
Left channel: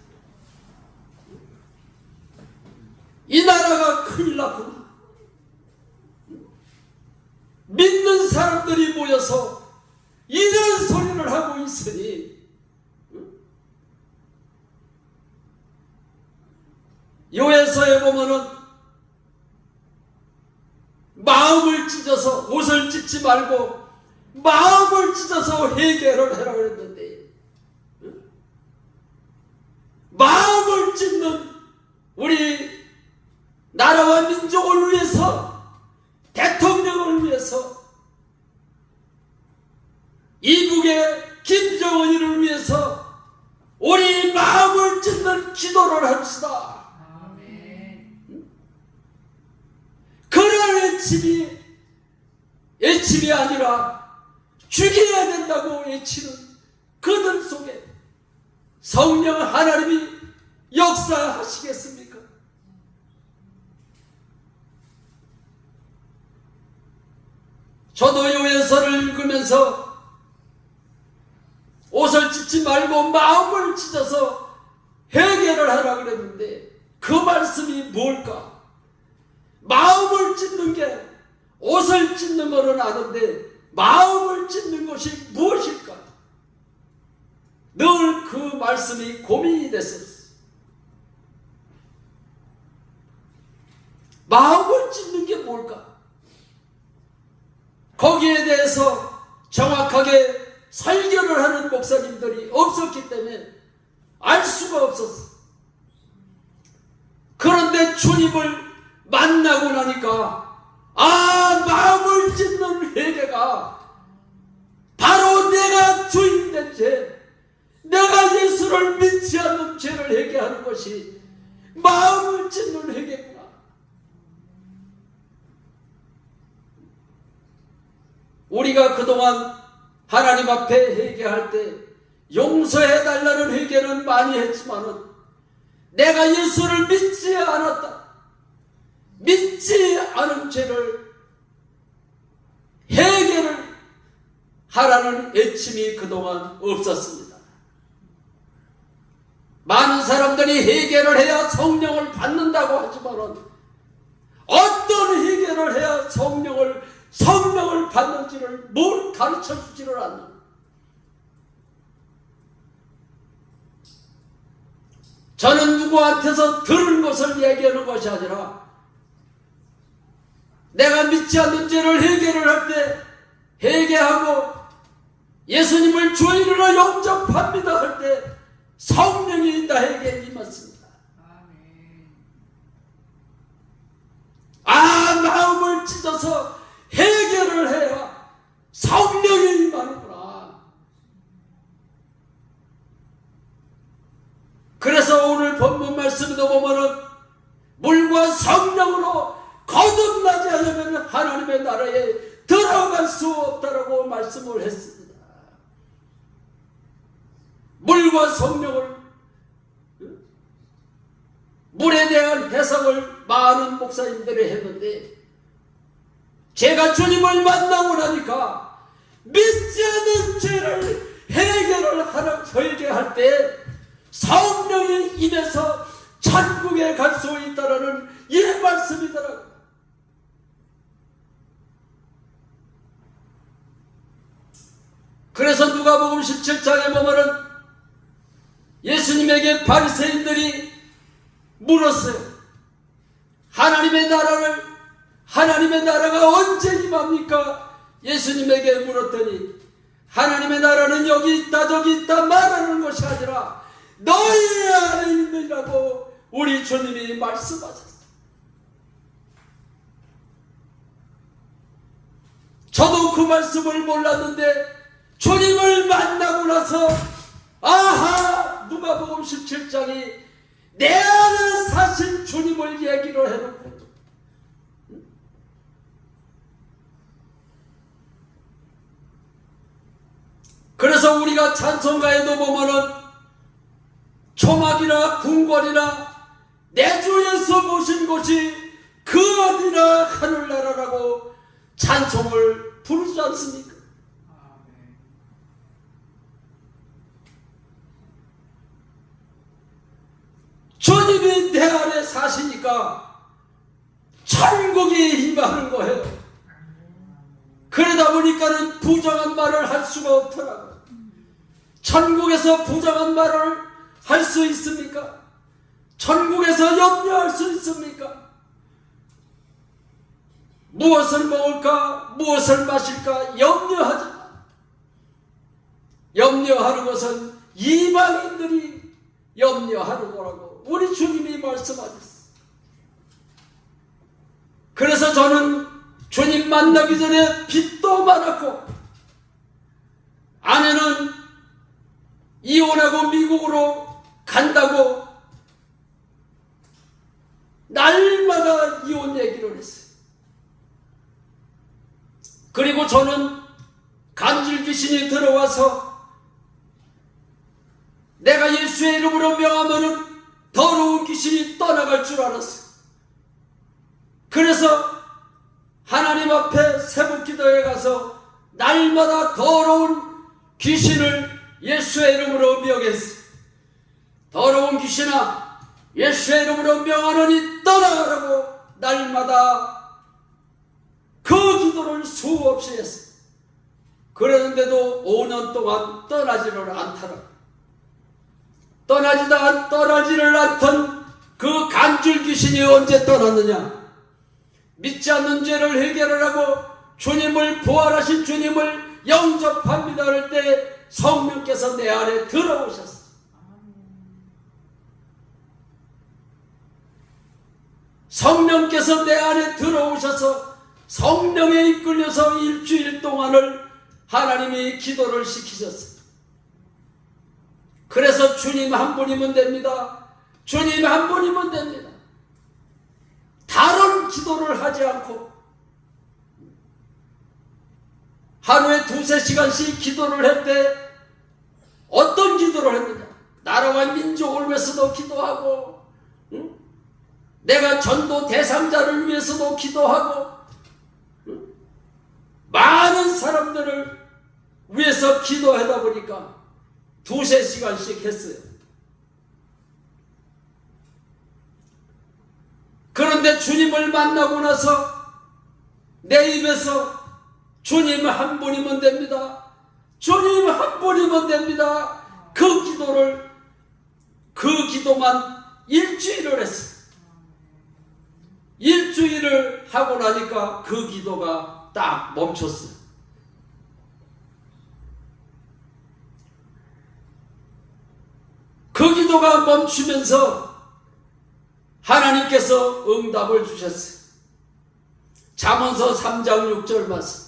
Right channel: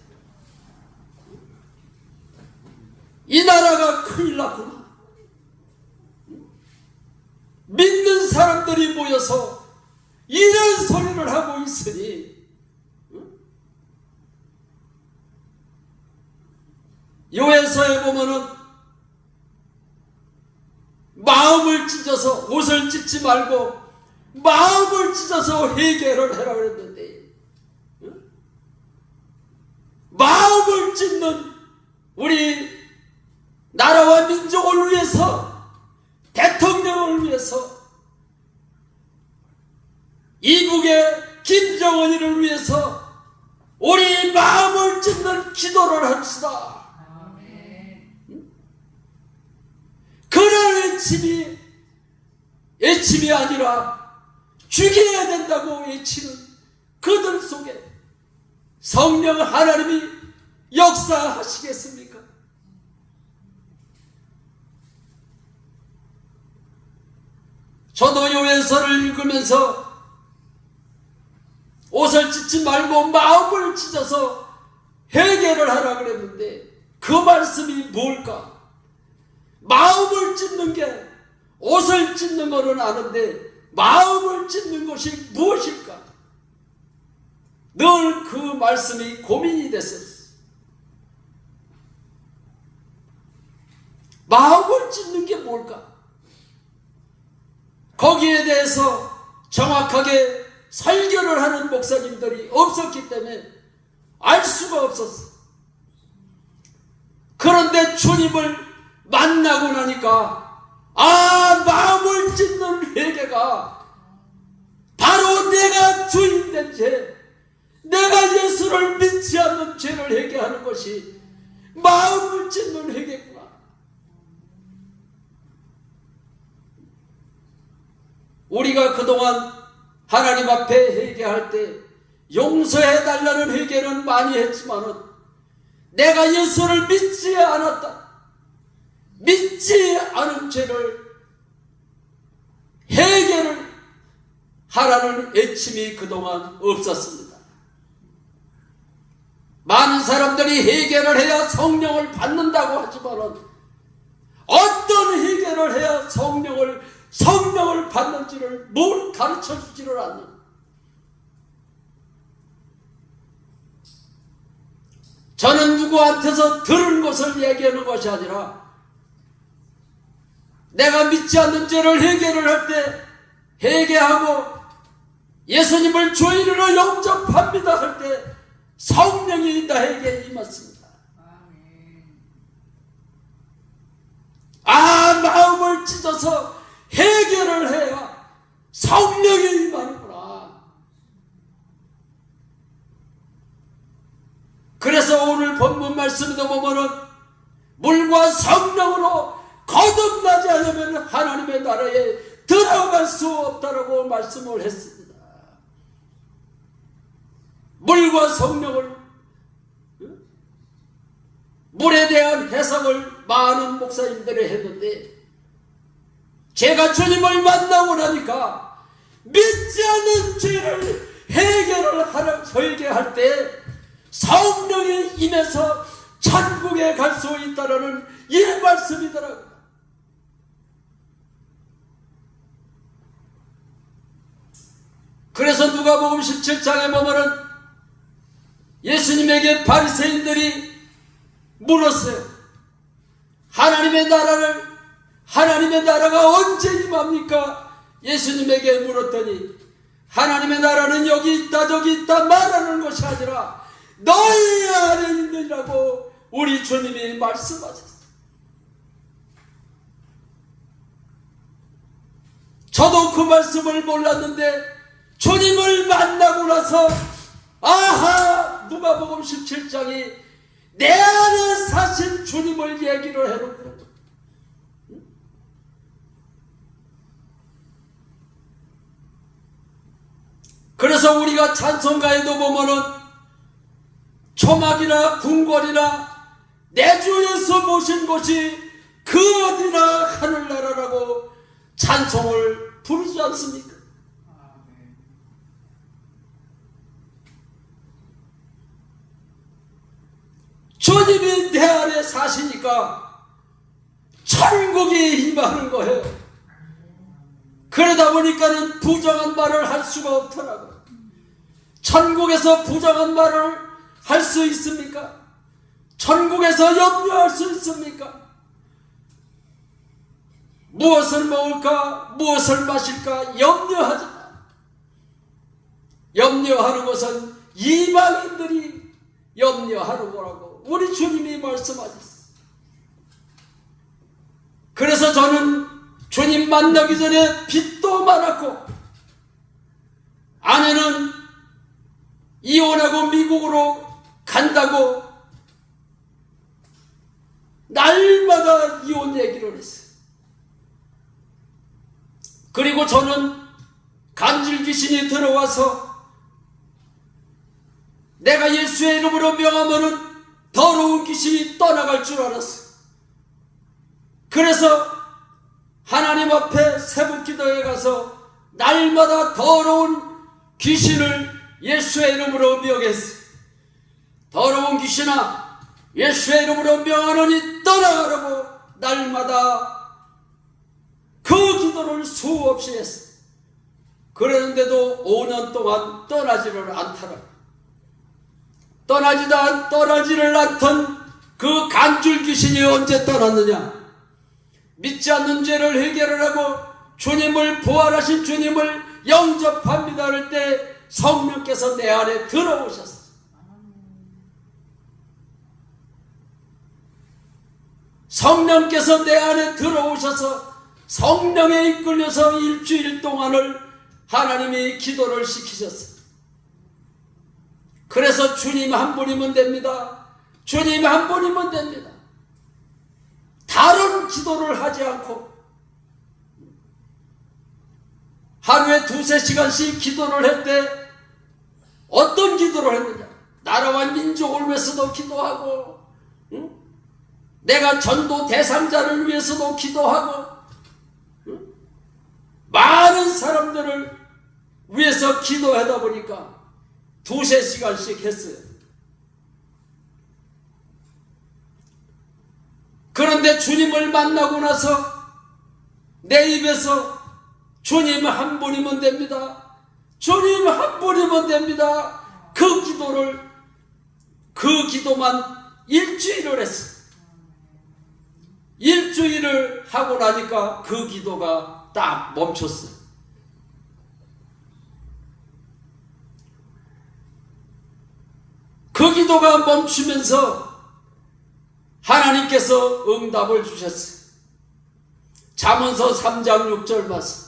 이 나라가 큰일 났구나. 믿는 사람들이 모여서 이런 소리를 하고 있으니 요에서에 보면은 마음을 찢어서 옷을 찢지 말고 마음을 찢어서 회개를 해라 그랬는데 마음을 찢는 우리 나라와 민족을 위해서 대통령을 위해서 이북의 김정은이를 위해서 우리 마음을 찢는 기도를 합시다. 그런 애침이 아니라 죽여야 된다고 외치는 그들 속에 성령 하나님이 역사하시겠습니까? 저도 요wen서를 읽으면서 옷을 찢지 말고 마음을 찢어서 회개를 하라 그랬는데 그 말씀이 뭘까? 마음을 찢는 게 옷을 찢는 거는 아는데 마음을 찢는 것이 무엇일까? 늘 그 말씀이 고민이 됐었어요. 마음을 찢는 게 뭘까? 거기에 대해서 정확하게 설교를 하는 목사님들이 없었기 때문에 알 수가 없었어. 그런데 주님을 만나고 나니까 마음을 찢는 회개가 바로 내가 주인된 죄, 내가 예수를 믿지 않는 죄를 회개하는 것이 마음을 찢는 회개구나. 우리가 그동안 하나님 앞에 회개할 때 용서해달라는 회개는 많이 했지만은 내가 예수를 믿지 않았다, 믿지 않은 죄를 해결을 하라는 애침이 그동안 없었습니다. 많은 사람들이 해결을 해야 성령을 받는다고 하지만은 어떤 해결을 해야 성령을 받는지를 뭘 가르쳐 주지를 않는. 저는 누구한테서 들은 것을 얘기하는 것이 아니라 내가 믿지 않는 죄를 해결을 할 때 회개하고 예수님을 주인으로 영접합니다 할 때 성령이 나에게 임했습니다. 마음을 찢어서 해결을 해야 성령이 임하는구나. 그래서 오늘 본문 말씀도 보면은 물과 성령으로 거듭나지 않으면 하나님의 나라에 들어갈 수 없다라고 말씀을 했습니다. 물과 성령을, 물에 대한 해석을 많은 목사님들이 했는데 제가 주님을 만나고 나니까 믿지 않는 죄를 회개할 때 성령이 임해서 천국에 갈 수 있다는 이 말씀이더라고요. 그래서 누가복음 17장에 보면은 예수님에게 바리새인들이 물었어요. 하나님의 나라가 언제 임합니까? 예수님에게 물었더니 하나님의 나라는 여기 있다 저기 있다 말하는 것이 아니라 너희 안에 있느라고 우리 주님이 말씀하셨어요. 저도 그 말씀을 몰랐는데 주님을 만나고 나서 누가복음 17장이 내 안에 사실 주님을 얘기를 해놓고 그래서 우리가 찬송가에도 보면은 주 초막이나 궁궐이나 내 주 예수 모신 곳이 그 어디나 하늘나라라고 찬송을 부르지 않습니까? 주님이 내 안에 사시니까 천국이 임하는 거예요. 그러다 보니까는 부정한 말을 할 수가 없더라고요. 천국에서 부정한 말을 할 수 있습니까? 천국에서 염려할 수 있습니까? 무엇을 먹을까? 무엇을 마실까? 염려하지 마. 염려하는 것은 이방인들이 염려하는 거라고 우리 주님이 말씀하셨어요. 그래서 저는 주님 만나기 전에 빚도 많았고 아내는 이혼하고 미국으로 간다고 날마다 이혼 얘기를 했어요. 그리고 저는 간질 귀신이 들어와서 내가 예수의 이름으로 명하면은 더러운 귀신이 떠나갈 줄 알았어요. 그래서 하나님 앞에 새벽 기도에 가서 날마다 더러운 귀신을 예수의 이름으로 명했어요. 더러운 귀신아, 예수의 이름으로 명하노니 떠나가라고 날마다 그 기도를 수없이 했어요. 그랬는데도 5년 동안 떠나지를 않더라. 떠나지를 않던 그 간줄 귀신이 언제 떠났느냐? 믿지 않는 죄를 해결을 하고 주님을 부활하신 주님을 영접합니다 할 때 성령께서 내 안에 들어오셨어요. 성령께서 내 안에 들어오셔서 성령에 이끌려서 일주일 동안을 하나님이 기도를 시키셨어요. 그래서 주님 한 분이면 됩니다. 주님 한 분이면 됩니다. 다른 기도를 하지 않고 하루에 2-3시간씩 기도를 할 때 어떤 기도를 했느냐? 나라와 민족을 위해서도 기도하고 내가 전도 대상자를 위해서도 기도하고 많은 사람들을 위해서 기도하다 보니까 2-3시간씩 했어요. 그런데 주님을 만나고 나서 내 입에서 주님 한 분이면 됩니다. 주님 한 분이면 됩니다. 그 기도만 일주일을 했어요. 일주일을 하고 나니까 그 기도가 딱 멈췄어요. 그 기도가 멈추면서 하나님께서 응답을 주셨어요. 잠언서 3장 6절 말씀.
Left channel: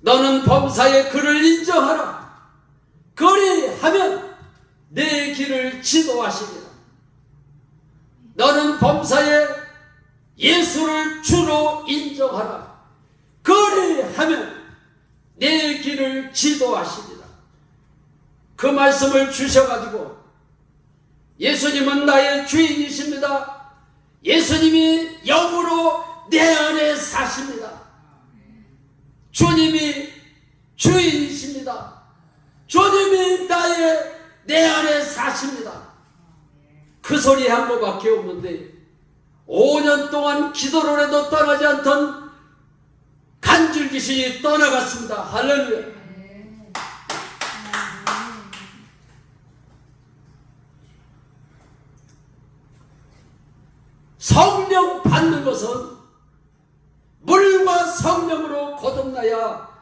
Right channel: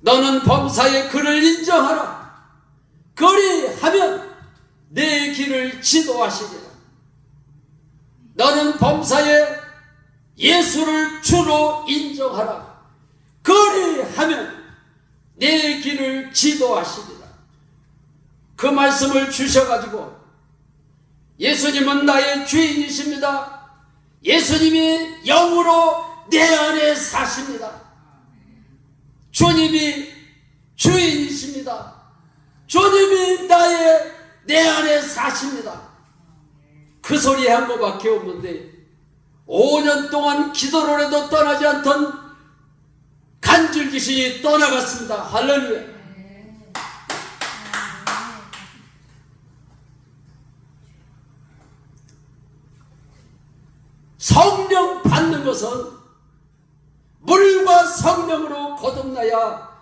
너는 범사의 그를 인정하라. 그리하면 내 길을 지도하시리라. 너는 범사에 예수를 주로 인정하라. 그리하면 내 길을 지도하시리라. 그 말씀을 주셔가지고 예수님은 나의 주인이십니다. 예수님이 영으로 내 안에 사십니다. 주님이 주인이십니다. 주님이 내 안에 사십니다. 그 소리 한 거밖에 없는데 5년 동안 기도를 해도 떠나지 않던 간질 귀신이 떠나갔습니다. 할렐루야. 성령 받는 것은 물과 성령으로 거듭나야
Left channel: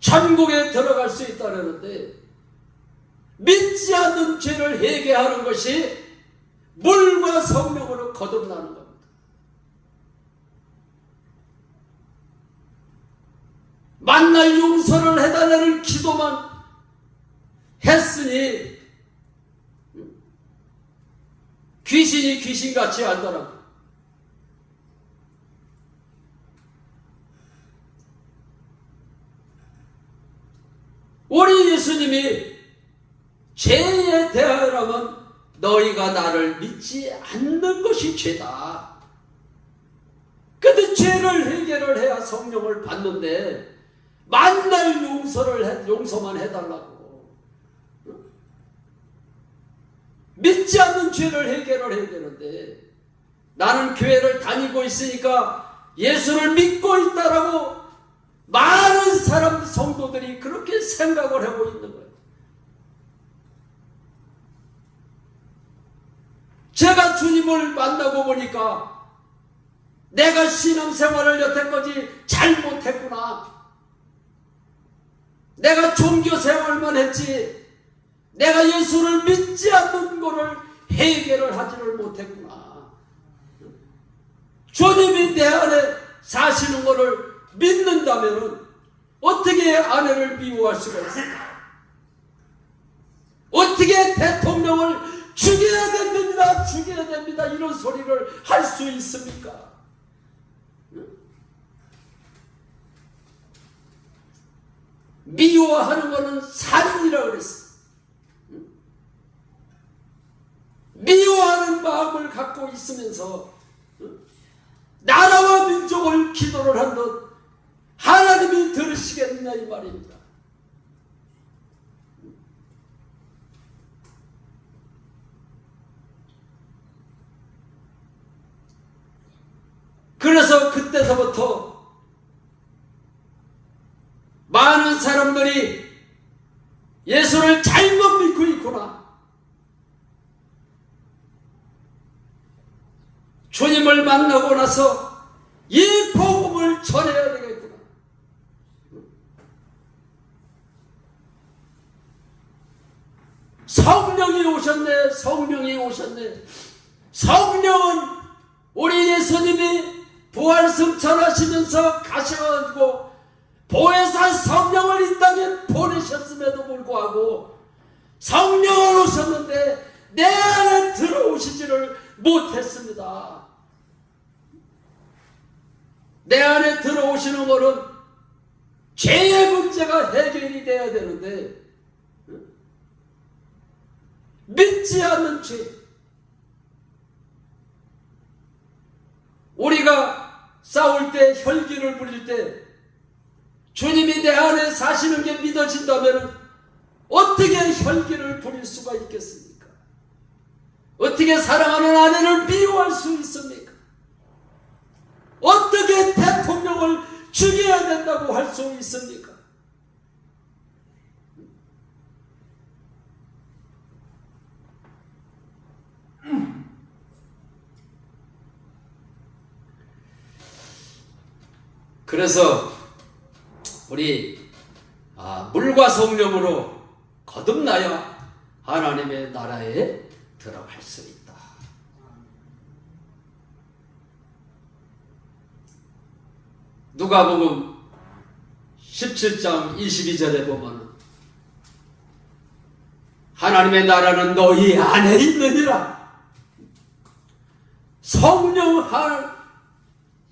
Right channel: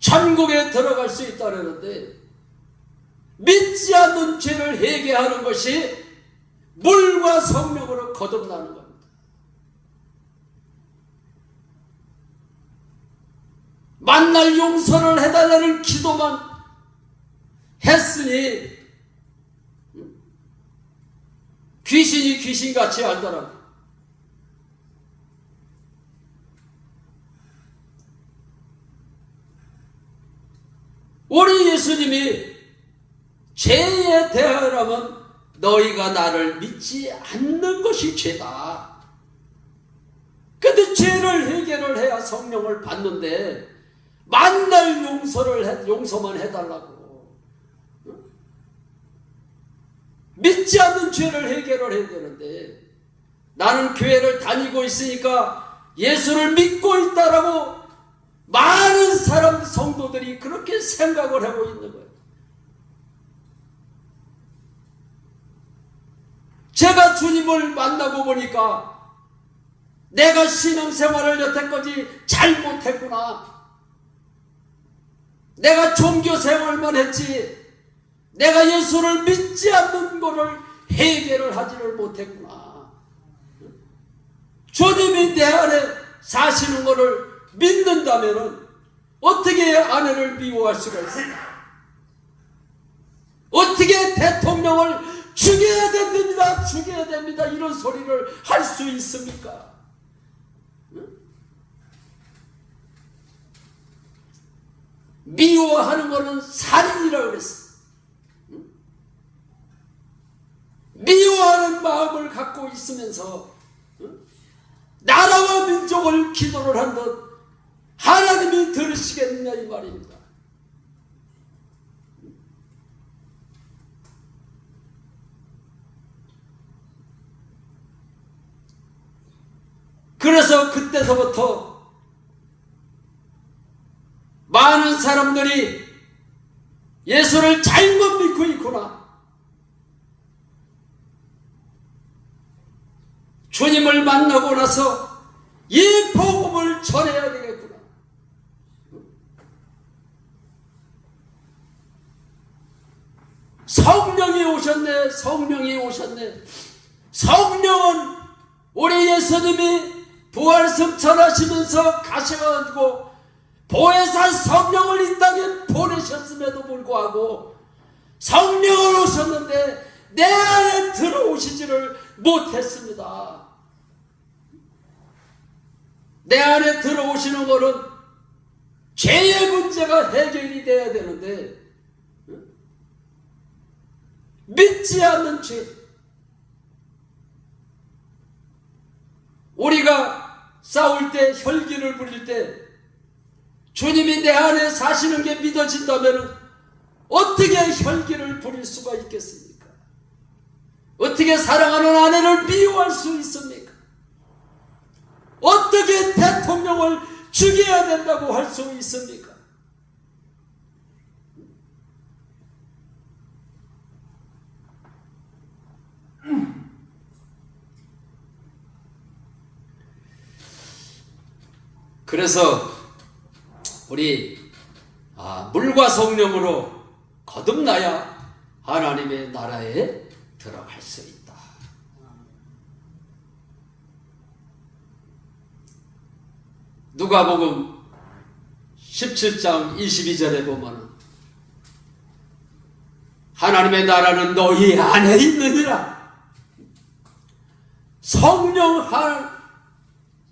천국에 들어갈 수 있다는데 믿지 않는 죄를 회개하는 것이 물과 성령으로 거듭나는 겁니다. 만날 용서를 해달라는 기도만 했으니 귀신이 귀신같이 알더라고요. 우리 예수님이 죄에 대하여라면 너희가 나를 믿지 않는 것이 죄다. 근데 죄를 해결을 해야 성령을 받는데 만날 용서만 해달라고. 믿지 않는 죄를 해결을 해야 되는데, 나는 교회를 다니고 있으니까 예수를 믿고 있다라고 많은 사람 성도들이 그렇게 생각을 하고 있는 거예요. 제가 주님을 만나고 보니까 내가 신앙생활을 여태까지 잘못했구나. 내가 종교생활만 했지 내가 예수를 믿지 않는 것을 해결을 하지를 못했구나. 주님이 내 안에 사시는 것을 믿는다면 어떻게 아내를 미워할 수가 있을까? 어떻게 대통령을 죽여야 됩니다, 죽여야 됩니다 이런 소리를 할 수 있습니까? 미워하는 것은 살인이라고 그랬어. 미워하는 마음을 갖고 있으면서 나라와 민족을 기도를 한듯 하나님이 들으시겠느냐 이 말입니다. 그래서 그때서부터 많은 사람들이 예수를 잘못 믿고 있구나. 주님을 만나고 나서 이 복음을 전해야 되겠구나. 성령이 오셨네, 성령이 오셨네. 성령은 우리 예수님이 부활승 전하시면서 가셔가지고 보혜사 성령을 이 땅에 보내셨음에도 불구하고 성령을 오셨는데 내 안에 들어오시지를 못했습니다. 내 안에 들어오시는 것은 죄의 문제가 해결이 돼야 되는데 믿지 않는 죄, 우리가 싸울 때 혈기를 부릴 때 주님이 내 안에 사시는 게 믿어진다면 어떻게 혈기를 부릴 수가 있겠습니까? 어떻게 사랑하는 아내를 미워할 수 있습니까? 어떻게 대통령을 죽여야 된다고 할 수 있습니까? 그래서 우리 물과 성령으로 거듭나야 하나님의 나라에 들어갈 수 있다. 누가복음 17장 22절에 보면 하나님의 나라는 너희 안에 있느니라. 성령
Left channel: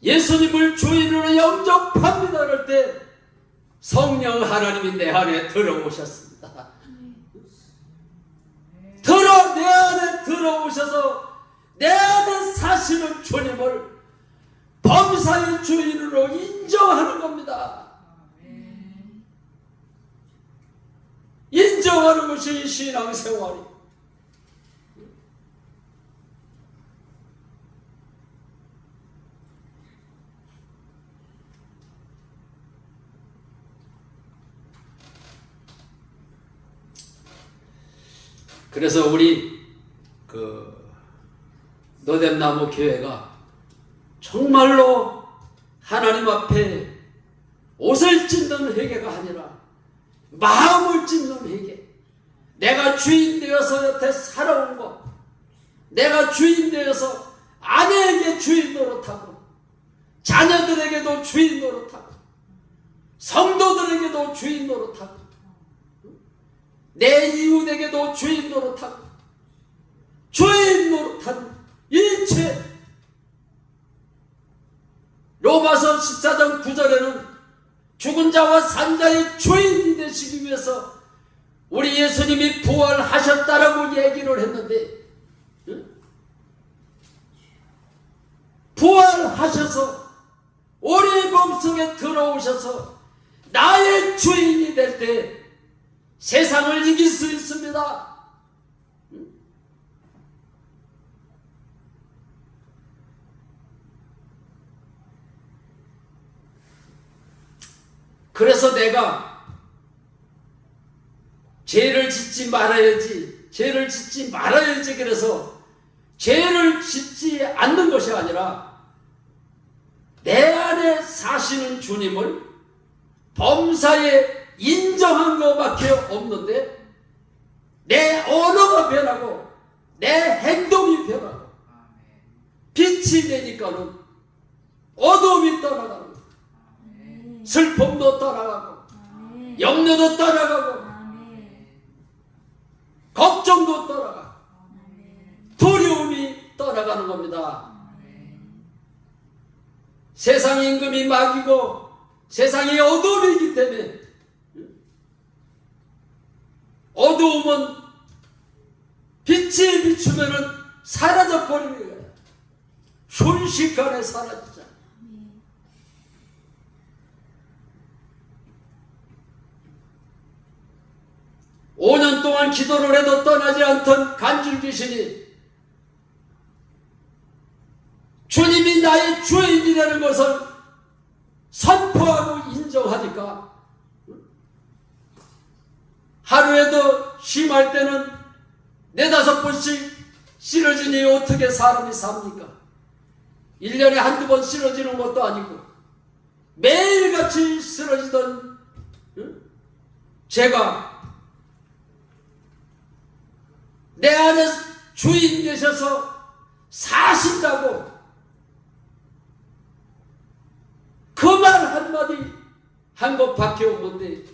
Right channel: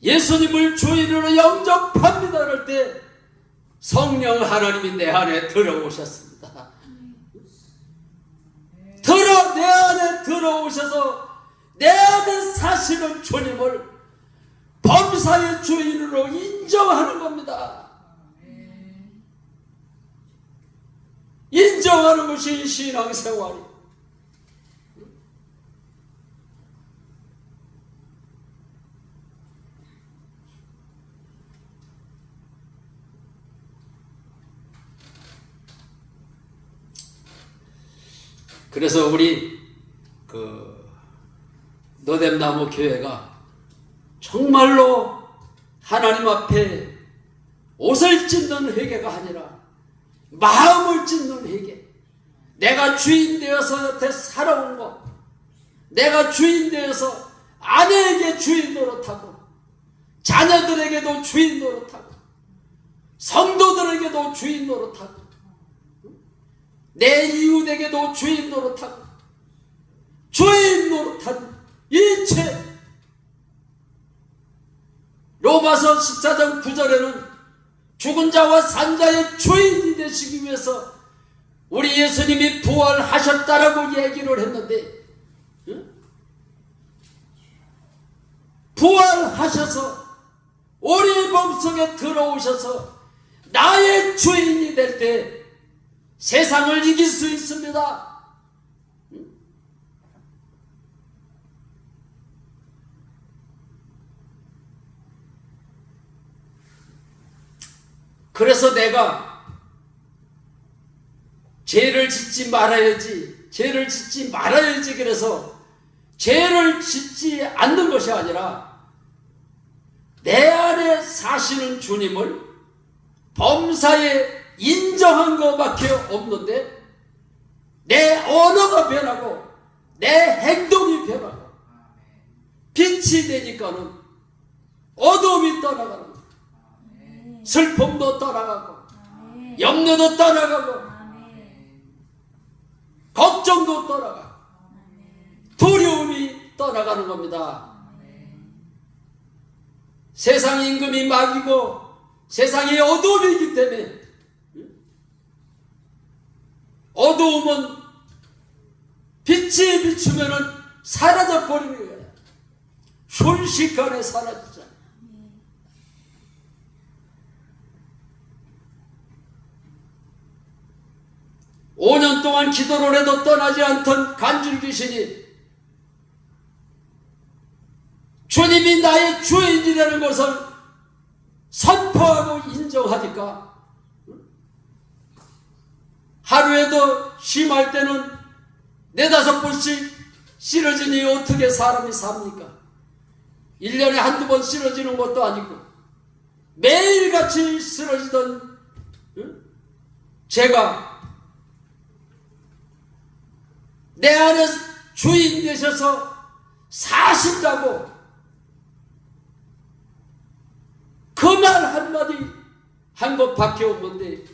예수님을 주인으로 영접합니다 할 때 성령 하나님이 내 안에 들어오셨습니다. 내 안에 들어오셔서 내 안에 사시는 주님을 범사의 주인으로 인정하는 겁니다. 인정하는 것이 신앙생활이. 그래서 우리 너댓나무 교회가 정말로 하나님 앞에 옷을 찢는 회개가 아니라 마음을 찢는 회개. 내가 주인 되어서 여태 살아온 것, 내가 주인 되어서 아내에게 주인 노릇하고 자녀들에게도 주인 노릇하고 성도들에게도 주인 노릇하고 내 이웃에게도 주인 노릇하고 주인 노릇한 이 죄. 로마서 14장 9절에는 죽은 자와 산 자의 주인이 되시기 위해서 우리 예수님이 부활하셨다라고 얘기를 했는데, 응? 부활하셔서 우리 몸속에 들어오셔서 나의 주인이 될 때 세상을 이길 수 있습니다. 그래서 내가 죄를 짓지 말아야지, 죄를 짓지 말아야지, 그래서 죄를 짓지 않는 것이 아니라 내 안에 사시는 주님을 범사에 인정한 것밖에 없는데 내 언어가 변하고 내 행동이 변하고 빛이 되니까는 어둠이 떠나가는 거예요. 슬픔도 떠나가고 염려도 떠나가고 걱정도 떠나가고 두려움이 떠나가는 겁니다. 세상 임금이 막이고 세상이 어둠이기 때문에 어두움은 빛이 비추면은 사라져 버리는 거예요. 순식간에 사라지잖아요. 5년 동안 기도를 해도 떠나지 않던 간질 귀신이 주님이 나의 주인이라는 것을 선포하고 인정하니까 하루에도 심할 때는 4-5번씩 쓰러지니 어떻게 사람이 삽니까? 1년에 한두 번 쓰러지는 것도 아니고 매일같이 쓰러지던 제가 내 안에 주인 되셔서 사신다고 그 말 한마디 한 것밖에 없는데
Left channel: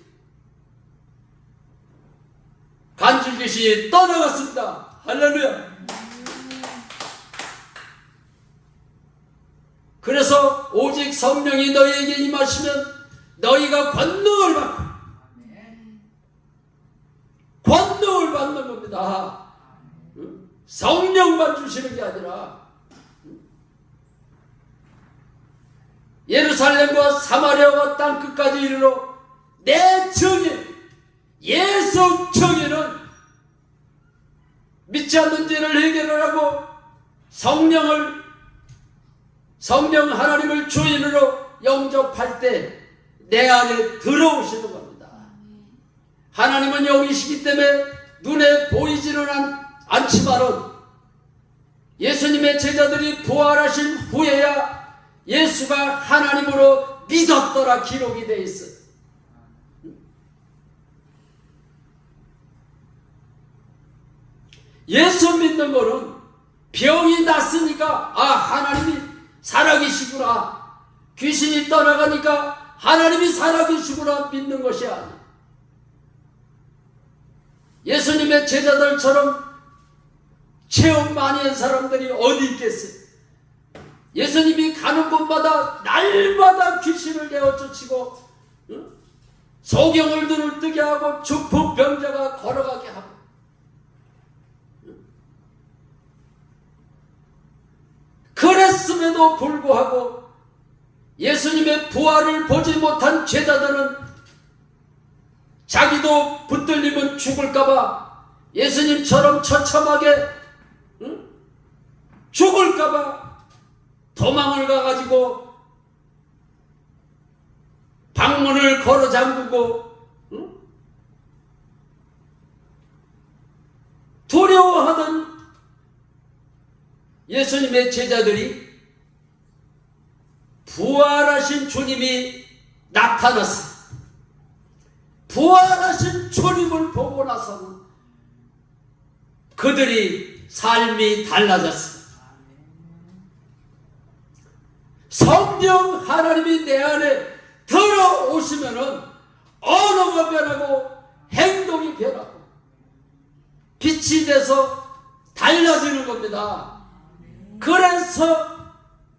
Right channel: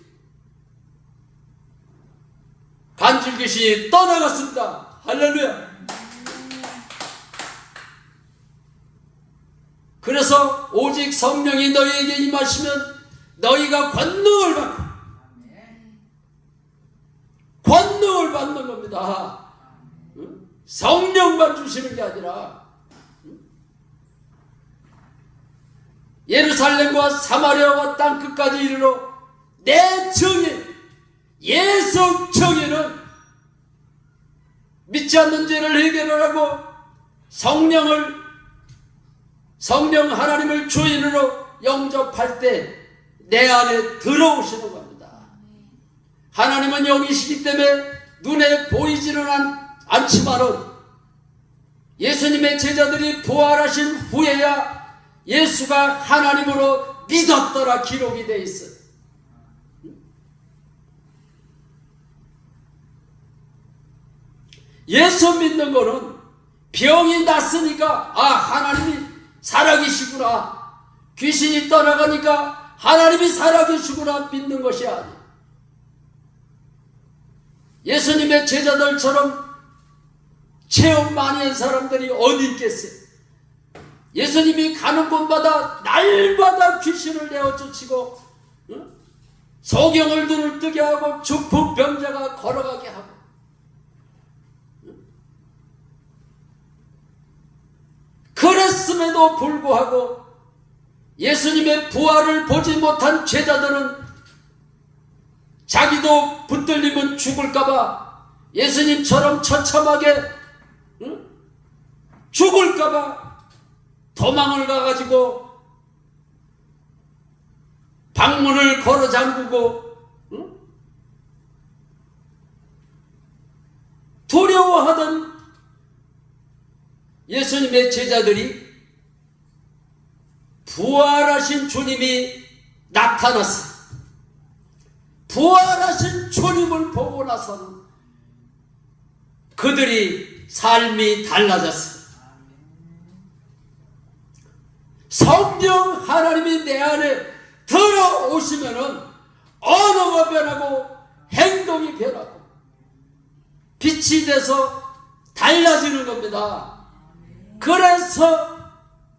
간질 귀신이 떠나갔습니다. 할렐루야. 그래서 오직 성령이 너희에게 임하시면 너희가 권능을 받고 권능을 받는 겁니다. 성령만 주시는 게 아니라 예루살렘과 사마리아와 땅끝까지 이르러 내 정인 예수 정인은 믿지 않는 죄를 해결을 하고 성령 하나님을 주인으로 영접할 때 내 안에 들어오시는 겁니다. 하나님은 영이시기 때문에 눈에 보이지는 않지만은 예수님의 제자들이 부활하신 후에야 예수가 하나님으로 믿었더라 기록이 되어 있어요. 예수 믿는 거는 병이 났으니까 하나님이 살아계시구나, 귀신이 떠나가니까 하나님이 살아계시구나 믿는 것이 아니에요. 예수님의 제자들처럼 체험 많이 한 사람들이 어디 있겠어요? 예수님이 가는 곳마다 날마다 귀신을 내어 쫓치고 소경을 눈을 뜨게 하고 중풍병자가 걸어가게 하고 그랬음에도 불구하고 예수님의 부활을 보지 못한 제자들은 자기도 붙들리면 죽을까봐 예수님처럼 처참하게 죽을까봐 도망을 가가지고 방문을 걸어 잠그고 두려워하던 예수님의 제자들이 부활하신 주님이 나타났어요. 부활하신 주님을 보고 나서는 그들이 삶이 달라졌어요. 성령 하나님이 내 안에 들어오시면은 언어가 변하고 행동이 변하고 빛이 돼서 달라지는 겁니다. 그래서